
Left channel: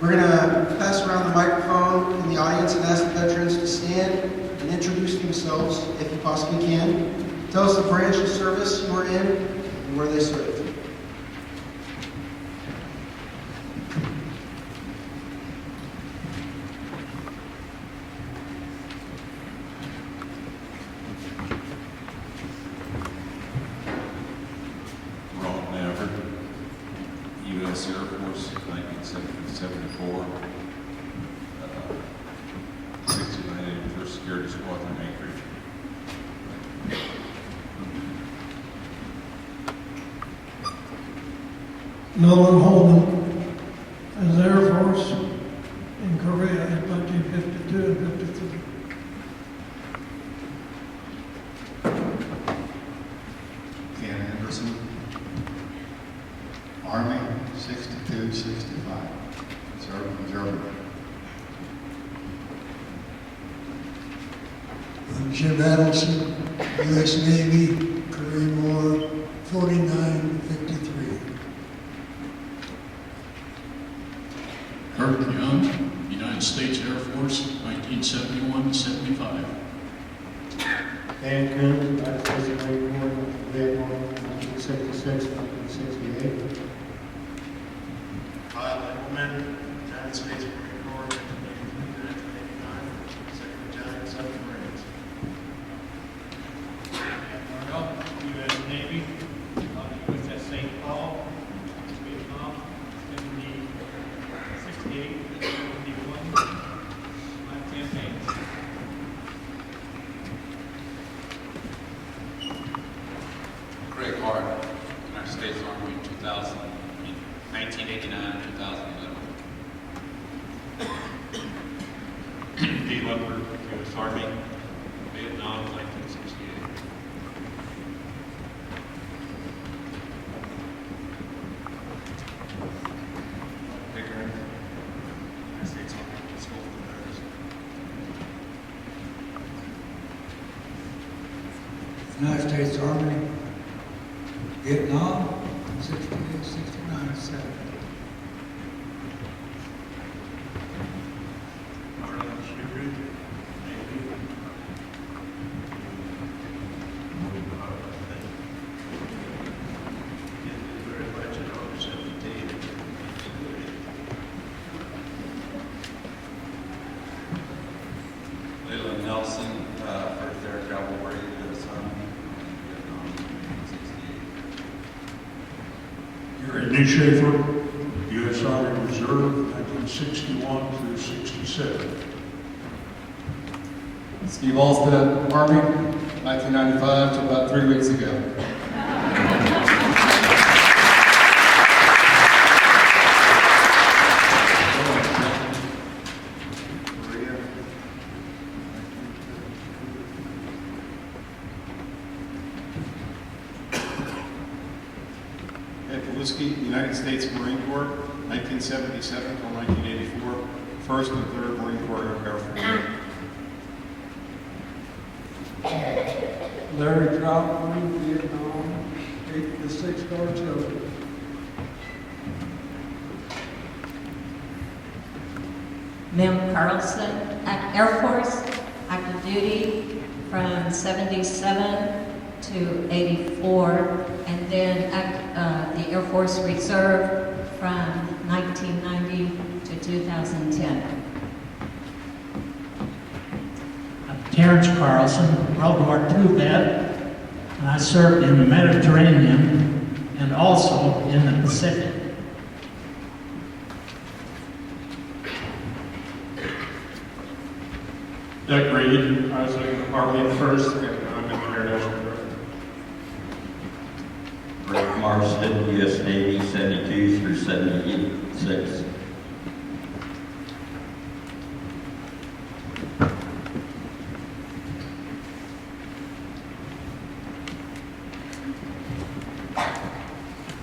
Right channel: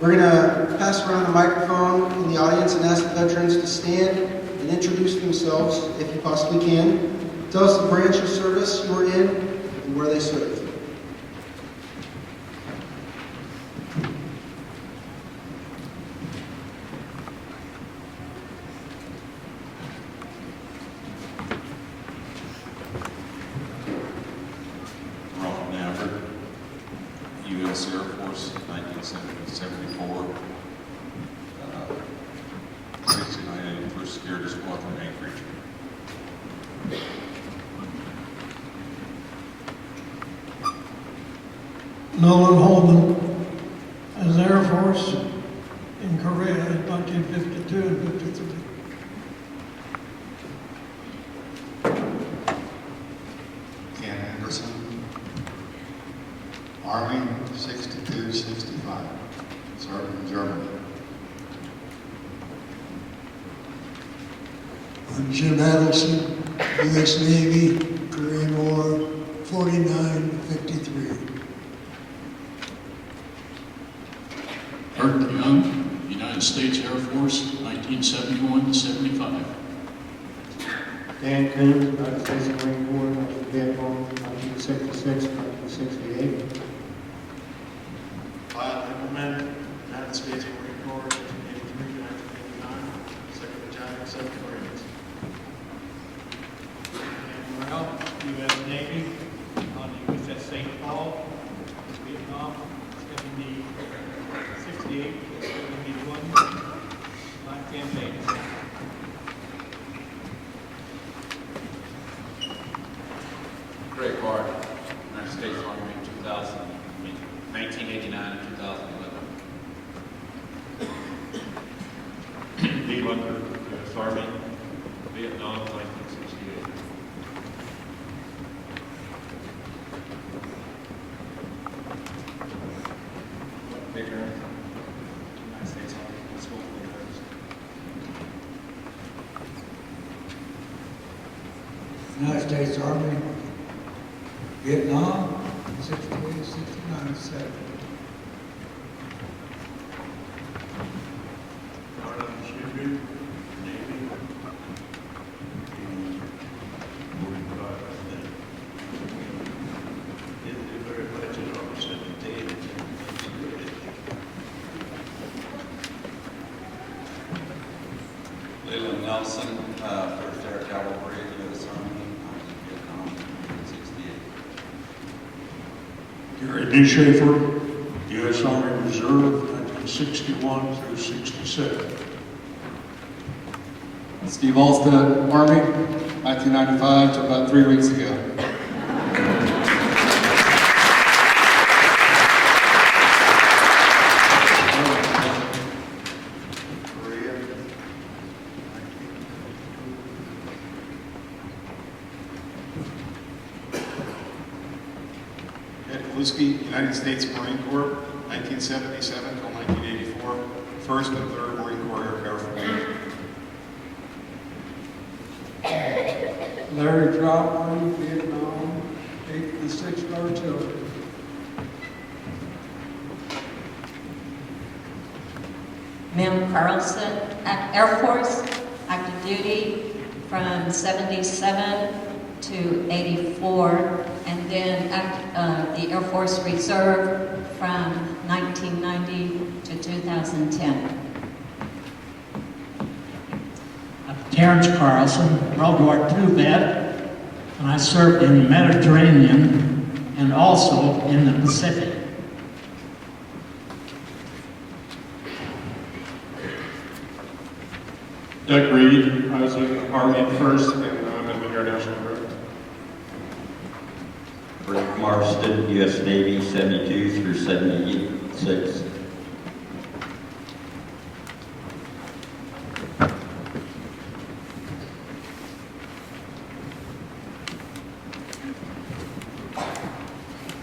We're going to pass around the microphone in the audience and ask the veterans to stand and introduce themselves, if you possibly can. Tell us the branch of service you are in and where they served. U.S. Air Force, 1974. 69 First Security Squadron, Anchorage. Nolan Holman as Air Force in Korea in 1952 and 53. Ken Anderson, Army, 62, 65, served in Germany. I'm Jim Adelson, U.S. Navy, Korean War, 49 to 53. Kurt Young, United States Air Force, 1971 to 75. Dan Coons, United States Marine Corps, Vietnam, 1966 to 1968. Kyle Engelman, United States Marine Corps, 1983 to 1989, 2nd Battalion, 7th Marines. Dan Morrell, U.S. Navy, on the USS St. Paul, Vietnam, 68 to 71, 5 campaigns. Craig Hart, United States Army, 1989 to 2011. Dave Under, U.S. Army, Vietnam, 1968. Mike Pickering, United States Army, School for Veterans. United States Army, Vietnam, 68, 69, 70. Arnold Sugar, Navy. Moving part, I think. Didn't do very much at all, 17. Leland Nelson, 1st Air Cavalry, U.S. Army, Vietnam, 1968. Gary D. Schaefer, U.S. Army Reserve, 1961 through 67. Steve Alstead, Army, 1995 to about 3 weeks ago. Korea, Whiskey, United States Marine Corps, 1977 till 1984, 1st and 3rd Marine Corps Air Force. Larry Troutman, Vietnam, 8th to 6th Artillery. Mel Carlson, Air Force, active duty from 77 to 84, and then the Air Force Reserve from 1990 to 2010. Terrence Carlson, World War II vet, and I served in the Mediterranean and also in the Pacific. Doug Reed, I was in the Army at first, and I'm in the Air National Guard. Rick Marston, U.S. Navy, 72 through 76.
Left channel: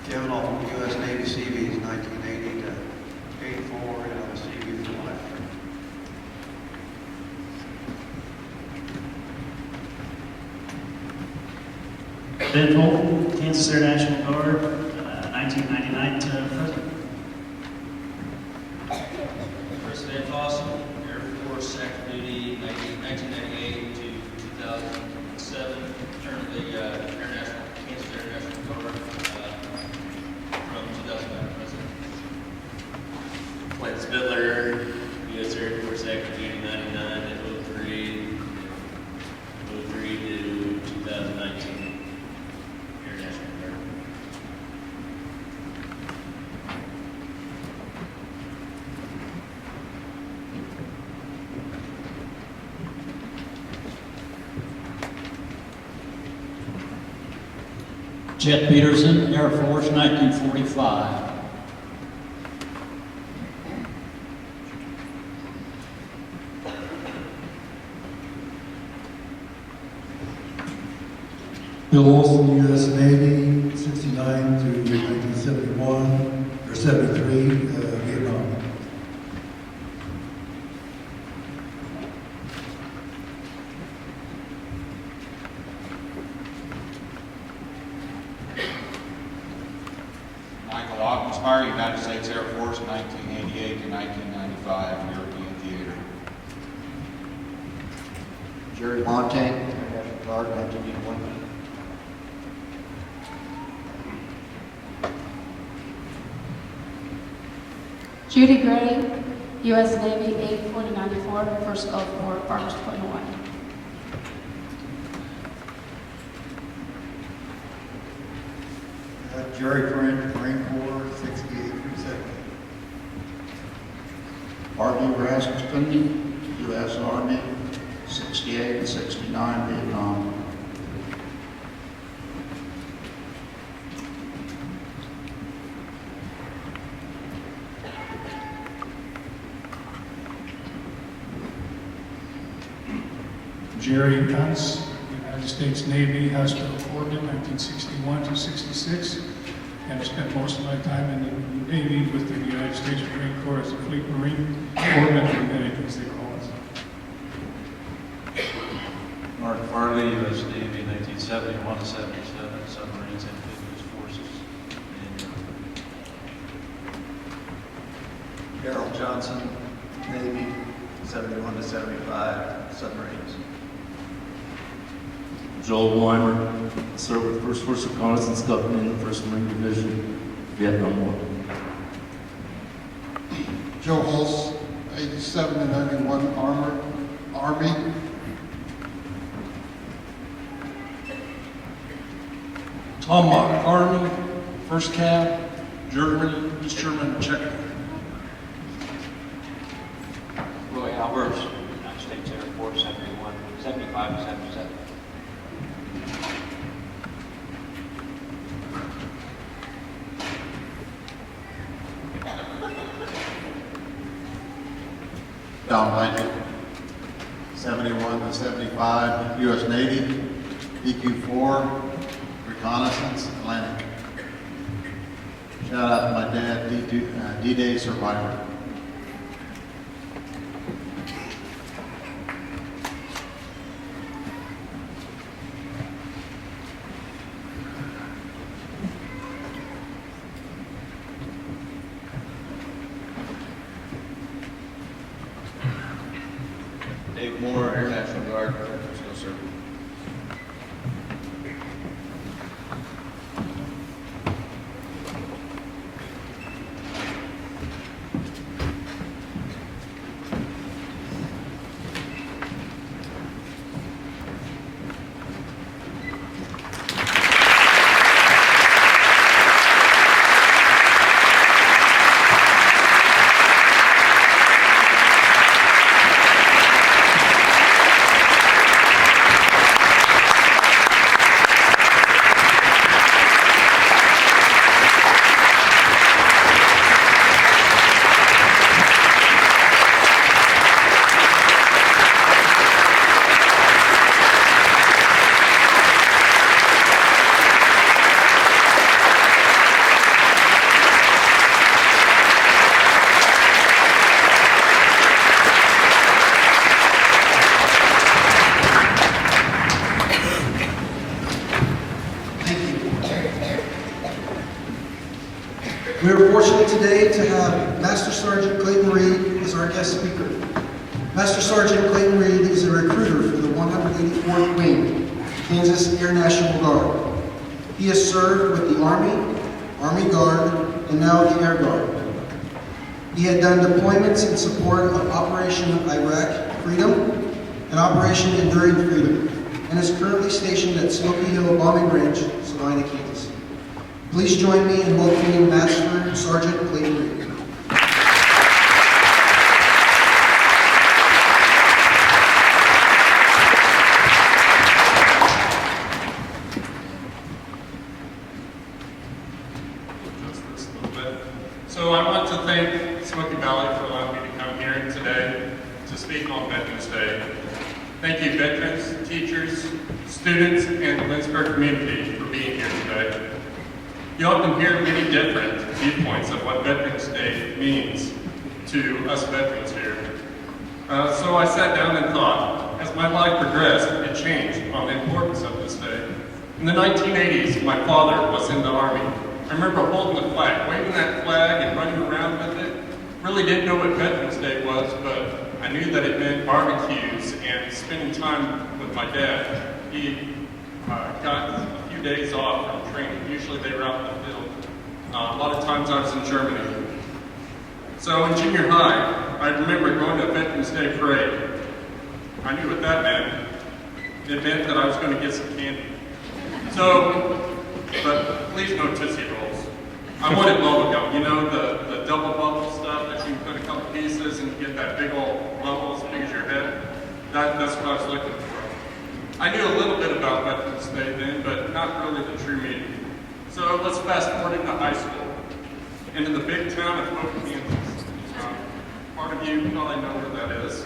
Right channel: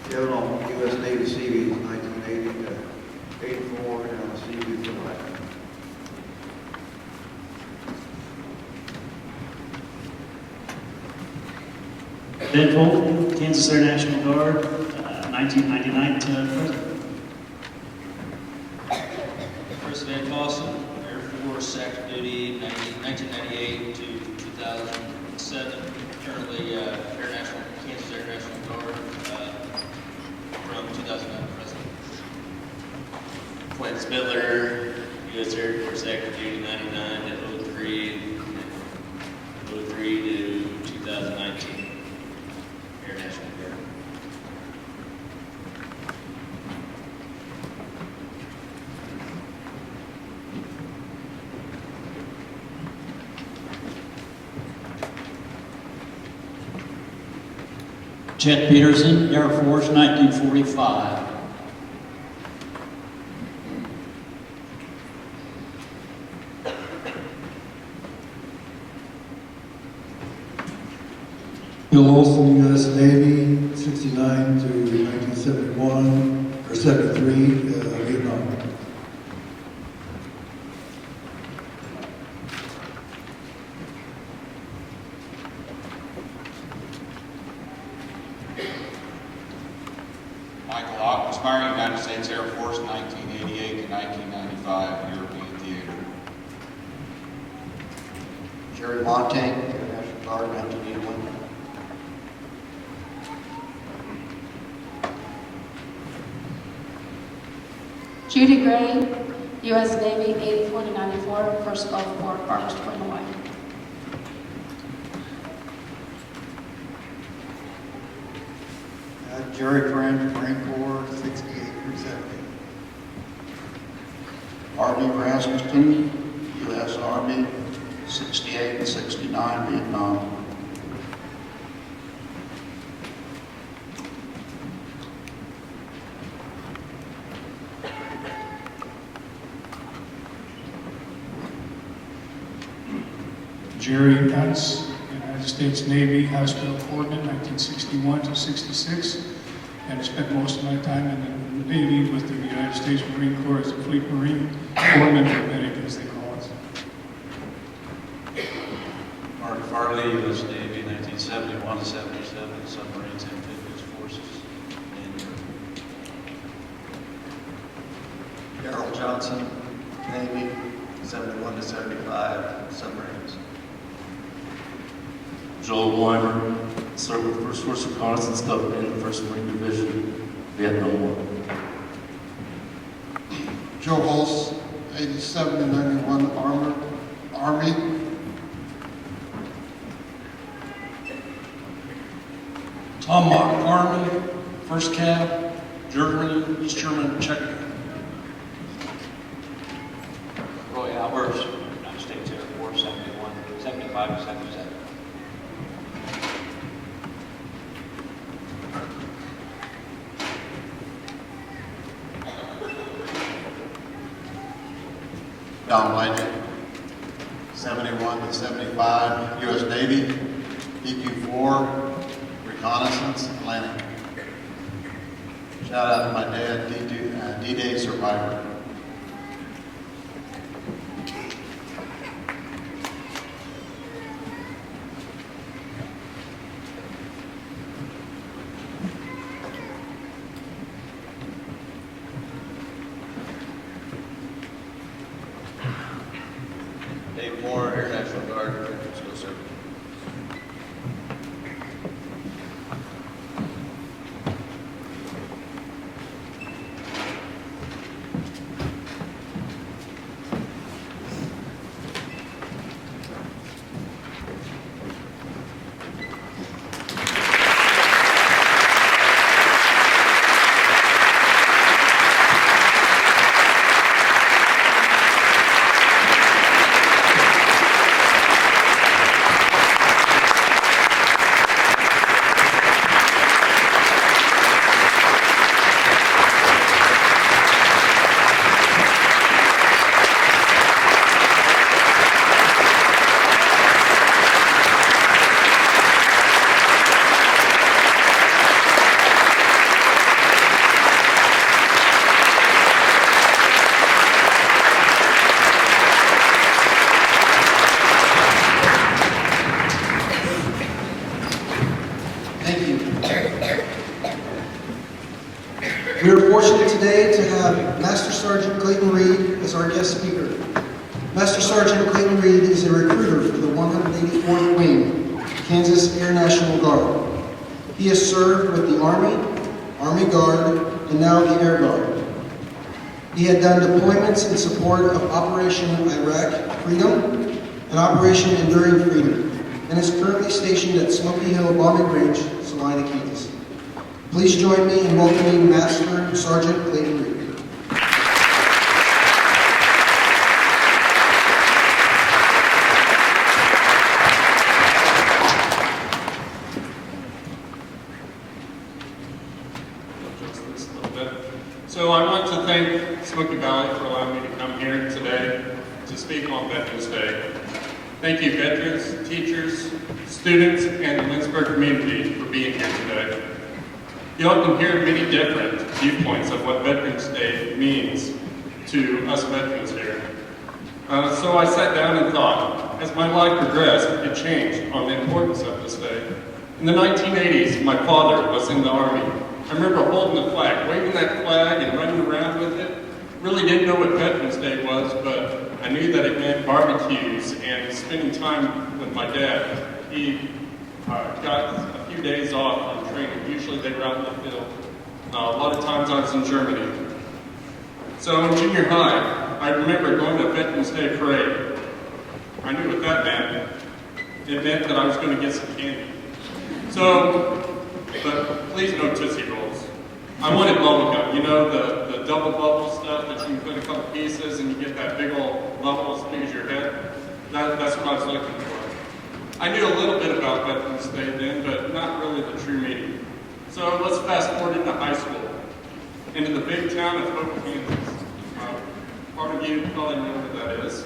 Kevin Long, U.S. Navy Seabees, 1980 to 84, and Seabees for life. Ben Fulton, Kansas Air National Guard, 1999 to present. Chris Van Fossen, Air Force, active duty, 1998 to 2007. Currently, Kansas Air National Guard, from 2009 to present. Clint Spitler, U.S. Air Force, active duty, 99 to 03, and 03 to 2019. Air National Guard. Chet Peterson, Air Force, 1945. Bill Olson, U.S. Navy, 69 to 1971, or 73, Vietnam. Michael Oxford, United States Air Force, 1988 to 1995, European Theater. Jerry Montaigne, National Guard, 1981. Judy Gray, U.S. Navy, 8/20/94, First Gulf War, August 21. Jerry Friend, Marine Corps, 68 through 78. Army Rasmussen, U.S. Army, 68 and 69, Vietnam. Jerry Dutz, United States Navy, Hospital Foreman, 1961 to 66. And spent most of my time in the Navy with the United States Marine Corps as a Fleet Marine, Foreman, or as they call us. Mark Farley, U.S. Navy, 1971 to 77, submarines, amphibious forces. Harold Johnson, Navy, 71 to 75, submarines. Joel Weimer, served with First Force Reconnaissance Company, 1st Marine Division, Vietnam War. Joe Hulse, 87 to 91, Army. Tom Mock, Army, 1st Cap, Germany, East German, Czech. Roy Albers, United States Air Force, 71, 75 to 77. Don Blanchard, 71 to 75, U.S. Navy, DQ-4, Reconnaissance, Atlantic. Shout out to my dad, D-Day survivor. Dave Moore, Air National Guard, Veterans No Service. Thank you. We are fortunate today to have Master Sergeant Clayton Reed as our guest speaker. Master Sergeant Clayton Reed is a recruiter for the 184th Wing, Kansas Air National Guard. He has served with the Army, Army Guard, and now the Air Guard. He had done deployments in support of Operation Iraq Freedom and Operation Enduring Freedom, and is currently stationed at Smoky Hill Bombing Range, Salina, Kansas. Please join me in welcoming Master Sergeant Clayton Reed. Adjust this a little bit. So I want to thank Smoky Valley for allowing me to come here today to speak on Veterans Day. Thank you, veterans, teachers, students, and the Lynchburg community for being here today. You often hear many different viewpoints of what Veterans Day means to us veterans here. So I sat down and thought, as my life progressed, it changed on the importance of this day. In the 1980s, my father was in the Army. I remember holding the flag, waving that flag and running around with it. Really didn't know what Veterans Day was, but I knew that it meant barbecues and spending time with my dad. He got a few days off from training. Usually they were out in the field. A lot of times I was in Germany. So in junior high, I remember going to a Veterans Day parade. I knew what that meant. It meant that I was going to get some candy. So, but please no Tootsie Rolls. I wanted bubble gum, you know, the double bubble stuff that you can put a couple pieces and you get that big old bubble as big as your head. That's what I was looking for. I knew a little bit about Veterans Day then, but not really the true meaning. So let's fast forward into high school, into the big town of Hope, Kansas. Part of you probably know where that is.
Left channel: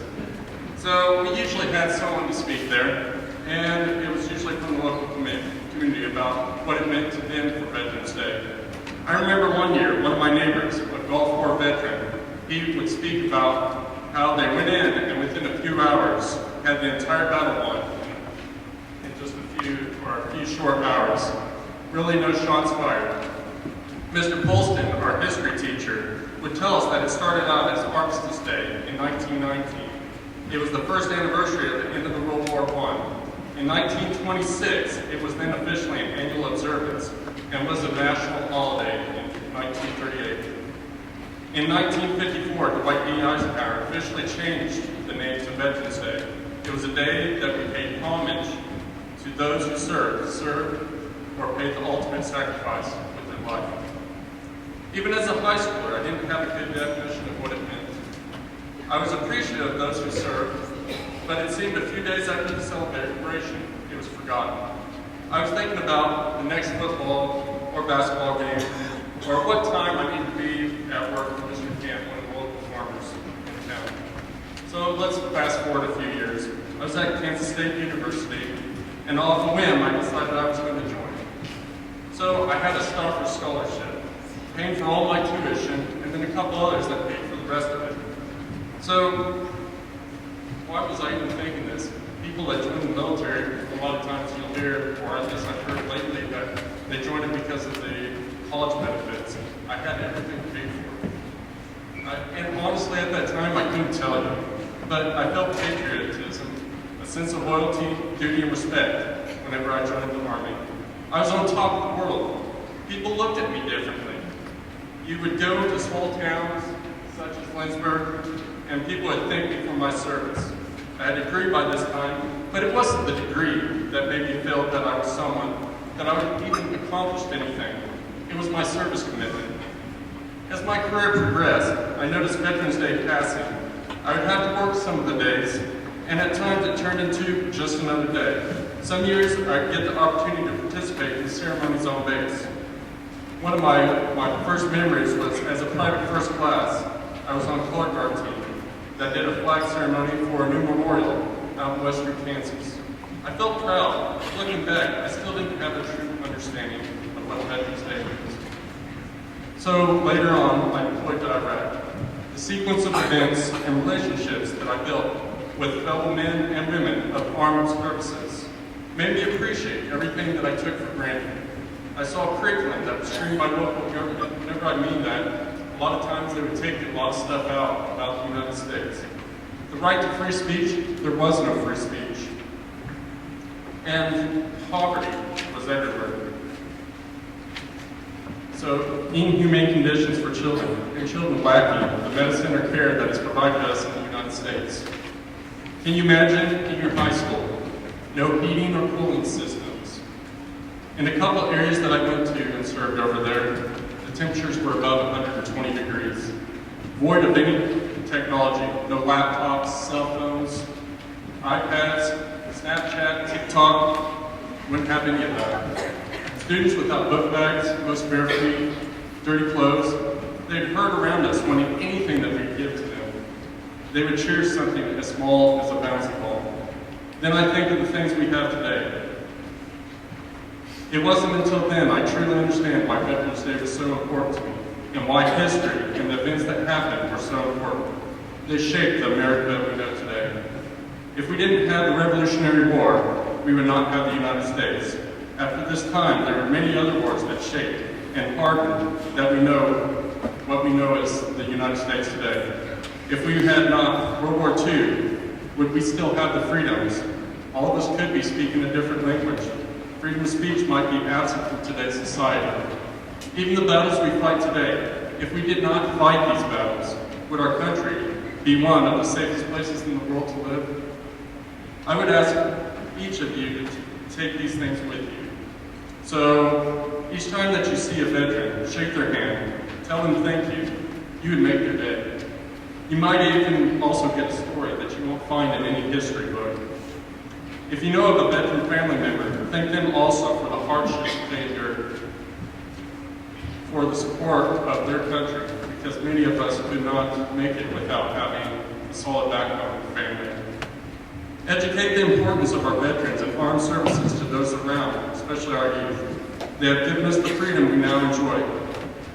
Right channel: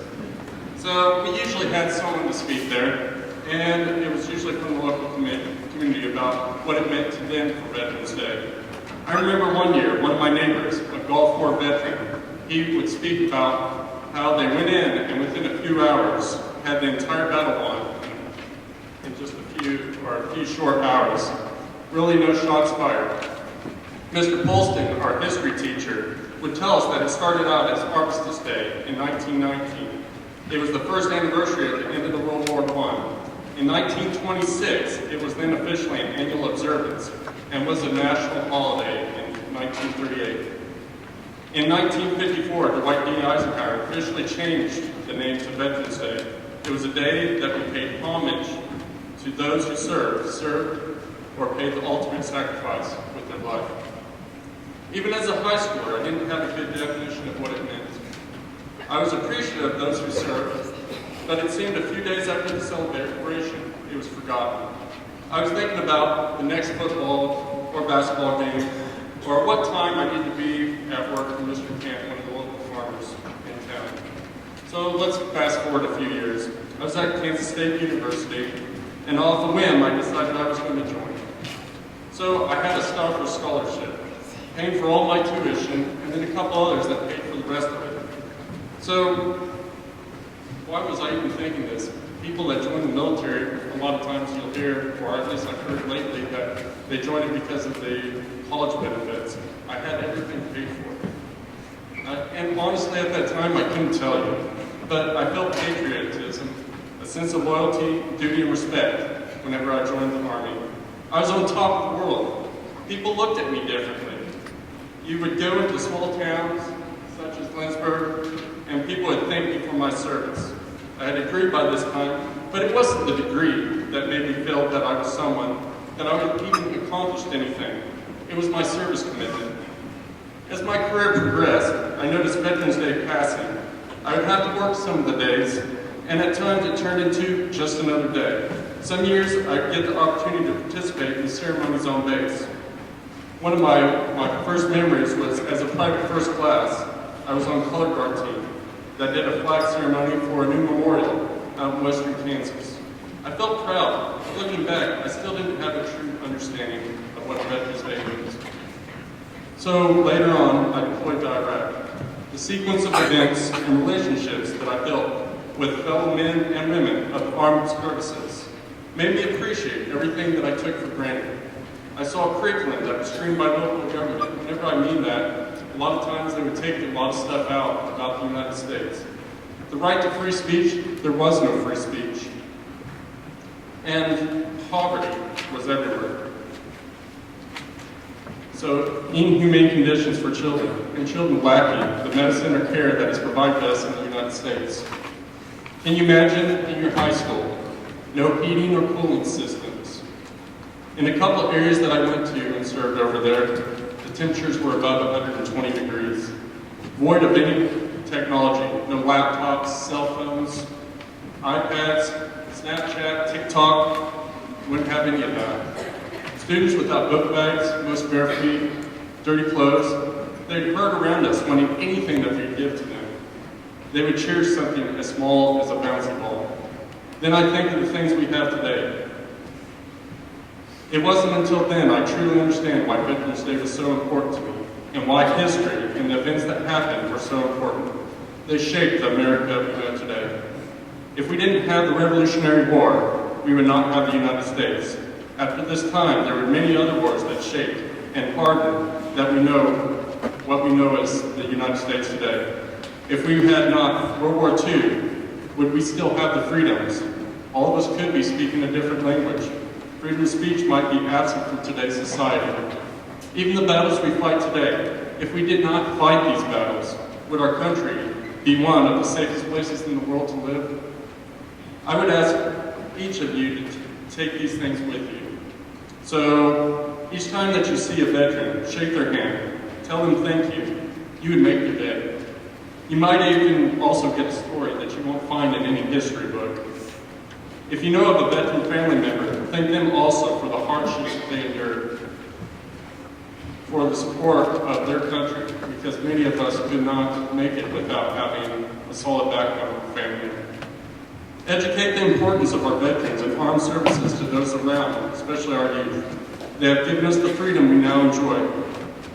So we usually had someone to speak there, and it was usually from the local community about what it meant to them for Veterans Day. I remember one year, one of my neighbors, a Gulf War veteran, he would speak about how they went in and within a few hours had the entire battle won in just a few short hours. Really no shots fired. Mr. Polston, our history teacher, would tell us that it started out as Armistice Day in 1919. It was the first anniversary of the end of the World War I. In 1926, it was then officially an annual observance and was a national holiday in 1938. In 1954, Dwight D. Eisenhower officially changed the name to Veterans Day. It was a day that we paid homage to those who served or paid the ultimate sacrifice with their life. Even as a high schooler, I didn't have a good definition of what it meant. I was appreciative of those who served, but it seemed a few days after the celebration, it was forgotten. I was thinking about the next football or basketball game, or what time I need to be at work for Mr. Camp, one of the local farmers in town. So let's fast forward a few years. I was at Kansas State University, and off a whim, I decided I was going to join. So I had a Stauffer scholarship. paying for all my tuition, and then a couple others that paid for the rest of it. So, why was I even thinking this? People that join the military, a lot of times you'll hear, or at least I've heard lately, that they join it because of the college benefits. I had everything paid for. And honestly, at that time, I couldn't tell you. But I felt patriotism, a sense of loyalty, duty, and respect whenever I joined the Army. I was on top of the world. People looked at me differently. You would go into small towns, such as Lynchburg, and people would thank me for my service. I had a degree by this time, but it wasn't the degree that made me feel that I was someone, that I would even accomplished anything. It was my service commitment. As my career progressed, I noticed Veterans Day passing. I would have to work some of the days, and at times it turned into just another day. Some years I'd get the opportunity to participate in the ceremonies on base. One of my first memories was as a private first class, I was on color guard team that did a flag ceremony for a new memorial out in western Kansas. I felt proud, but looking back, I still didn't have a true understanding of what Veterans Day means. So later on, I deployed to Iraq. The sequence of events and relationships that I built with fellow men and women of the armed services made me appreciate everything that I took for granted. I saw a curriculum that was streamed by local government. Whenever I mean that, a lot of times they would take a lot of stuff out about the United States. The right to free speech, there was no free speech. And poverty was everywhere. So inhumane conditions for children, and children lacking the medicine or care that is provided to us in the United States. Can you imagine in your high school, no heating or cooling systems? In a couple of areas that I went to and served over there, the temperatures were above 120 degrees. Void of any technology, no laptops, cell phones, iPads, Snapchat, TikTok, wouldn't have any of that. Students without book bags, most bare feet, dirty clothes, they'd herd around us wanting anything that we'd give to them. They would cherish something as small as a bouncy ball. Then I think of the things we have today. It wasn't until then I truly understand why Veterans Day was so important to me, and why history and the events that happened were so important. They shaped the America we know today. If we didn't have the Revolutionary War, we would not have the United States. After this time, there were many other wars that shaped and hardened that we know what we know as the United States today. If we had not World War II, would we still have the freedoms? All of us could be speaking a different language. Freedom of speech might be absent from today's society. Even the battles we fight today, if we did not fight these battles, would our country be one of the safest places in the world to live? I would ask each of you to take these things with you. So each time that you see a veteran, shake their hand, tell them thank you. You would make their day. You might even also get a story that you won't find in any history book. If you know of a veteran family member, thank them also for the hardships that they endured, for the support of their country, because many of us could not make it without having a solid backbone of family. Educate the importance of our veterans and armed services to those around, especially our youth. They have given us the freedom we now enjoy.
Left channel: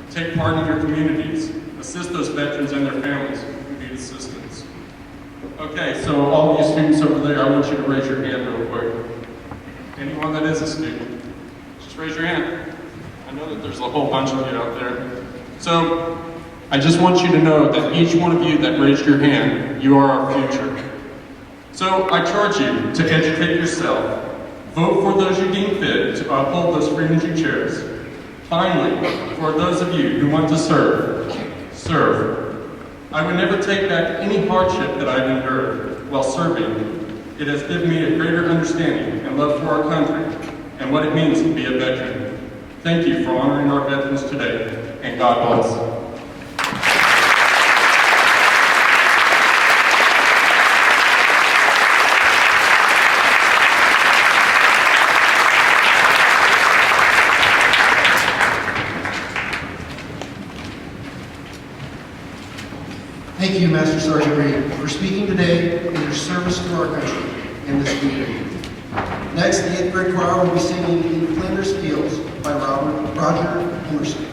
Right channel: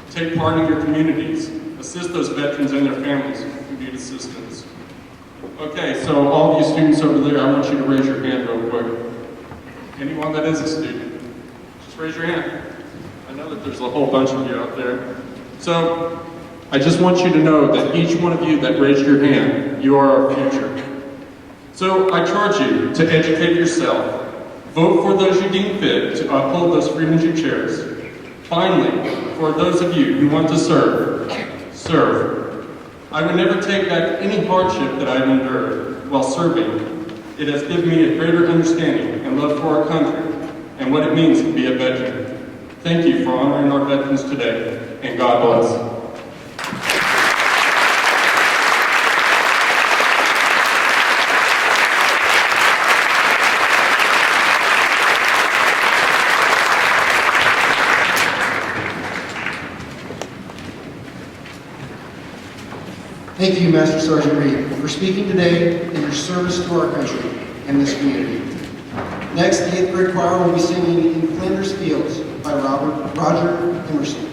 Take part in your communities. Assist those veterans and their families who need assistance. Okay, so all of you students over there, I want you to raise your hand real quick. Anyone that is a student, just raise your hand. I know that there's a whole bunch of you out there. So I just want you to know that each one of you that raised your hand, you are our future. So I charge you to educate yourself. Vote for those you deem fit to uphold those freedoms you cherish. Finally, for those of you who want to serve, serve. I would never take back any hardship that I've endured while serving. It has given me a greater understanding and love for our country and what it means to be a veteran. Thank you for honoring our veterans today, and God bless. Thank you, Master Sergeant Reed, for speaking today in your service to our country and this community. Next, the 8th grade choir will be singing In Flanders Fields by Roger Emerson.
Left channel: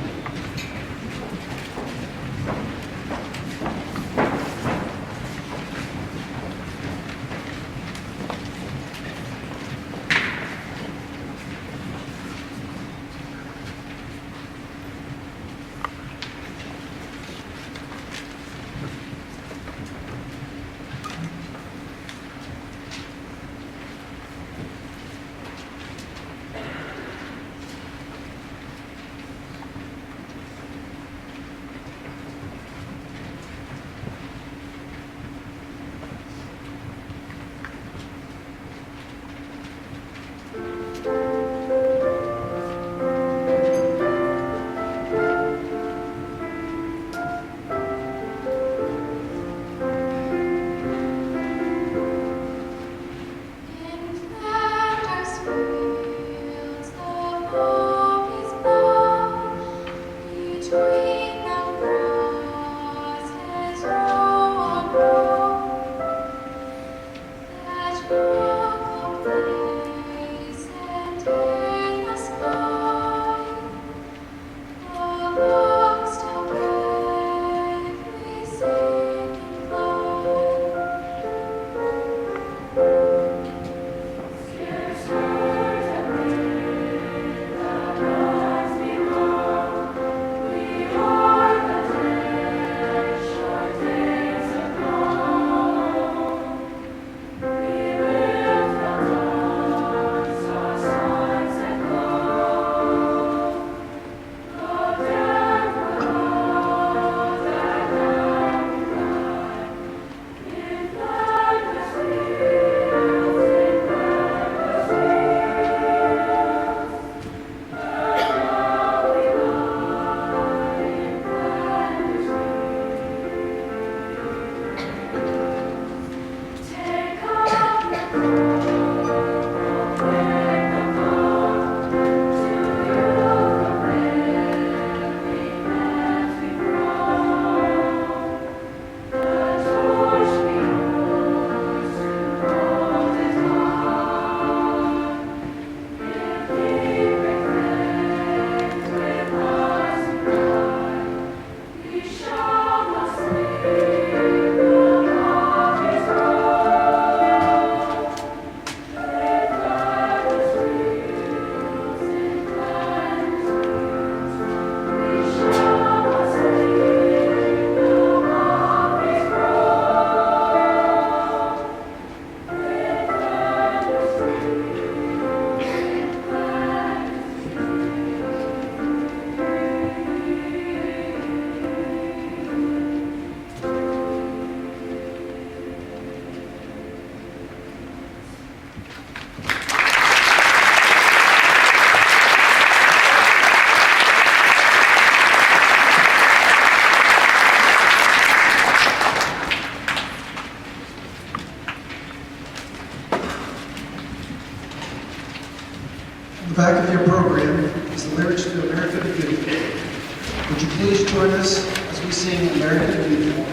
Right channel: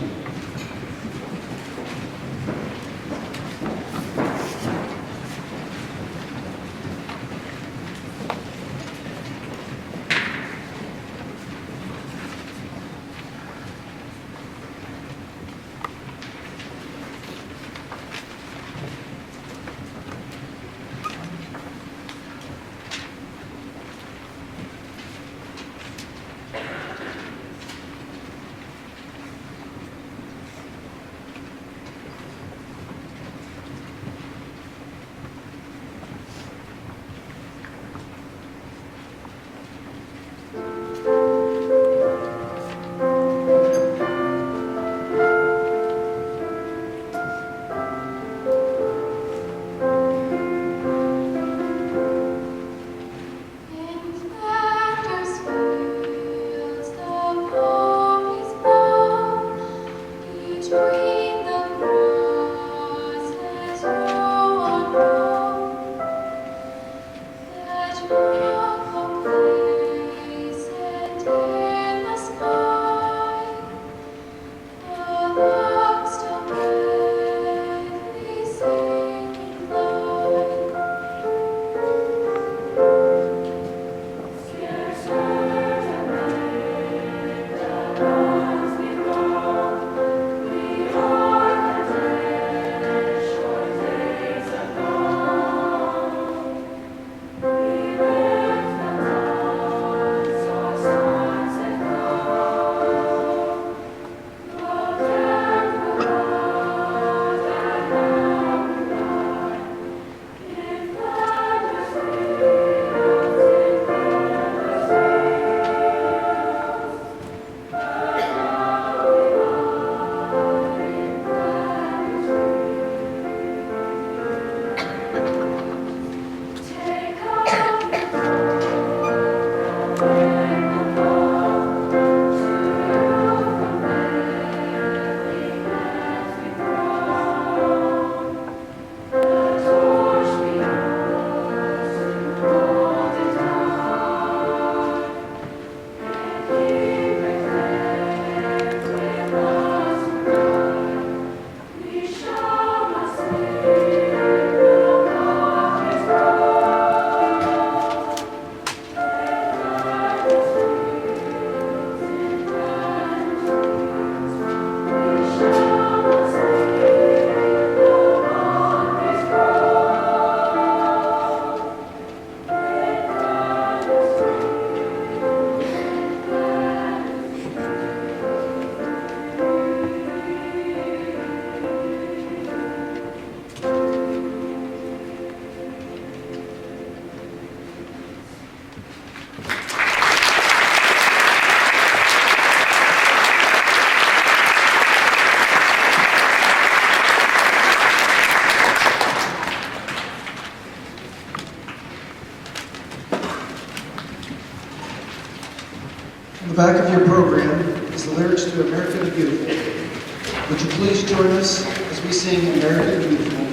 On the back of your program is the lyrics to America the Beautiful. Would you please join us as we sing America the Beautiful?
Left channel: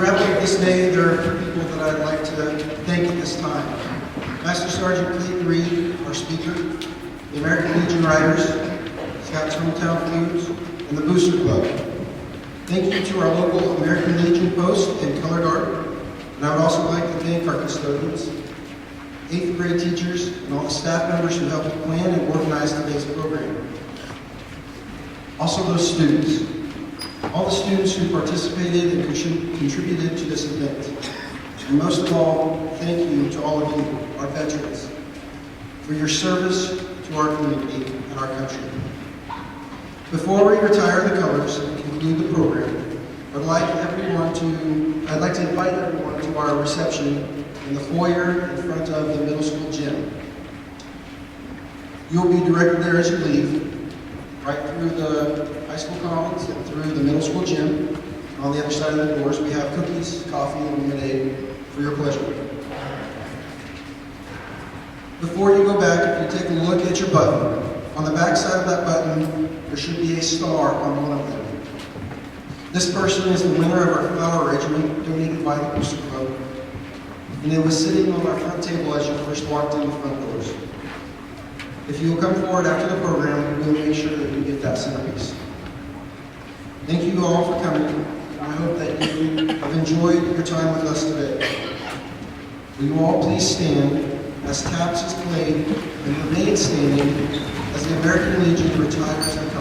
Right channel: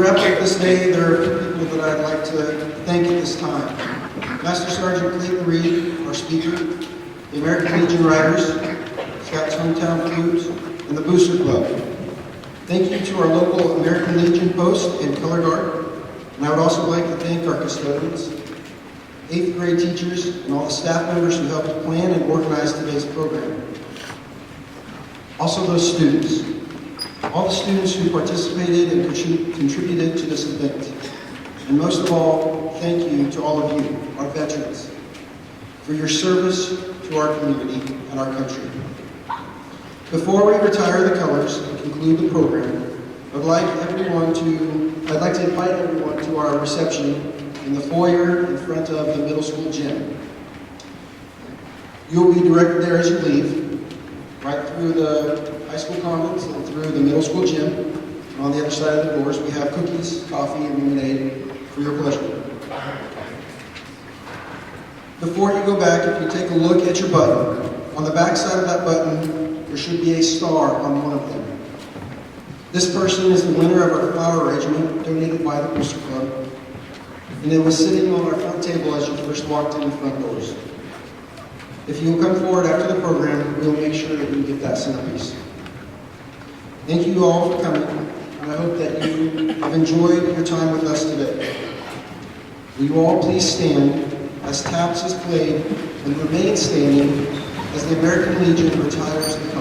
wrap up this day, there are a few people that I'd like to thank at this time. Master Sergeant Clayton Reed, our speaker, the American Legion Riders, Scouts Hometown Foods, and the Booster Club. Thank you to our local American Legion post and color guard. And I would also like to thank our custodians, 8th grade teachers, and all the staff members who helped plan and organize today's program. Also those students, all the students who participated and contributed to this event. And most of all, thank you to all of you, our veterans, for your service to our community and our country. Before we retire the colors and conclude the program, I'd like to invite everyone to our reception in the foyer in front of the middle school gym. You'll be directed there as you leave, right through the high school commons and through the middle school gym. On the other side of the doors, we have cookies, coffee, and lemonade for your pleasure. Before you go back, if you take a look at your button, on the back side of that button, there should be a star on one of them. This person is the winner of our flower regiment donated by the Booster Club, and it was sitting on our front table as you first walked in the front doors. If you will come forward after the program, we will make sure that you get that centerpiece. Thank you all for coming, and I hope that you have enjoyed your time with us today. Will you all please stand as taps is played and remain standing as the American Legion retires the colors.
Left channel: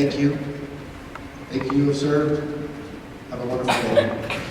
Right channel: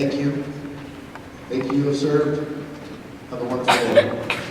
Thank you. Thank you, you have served. Have a wonderful day.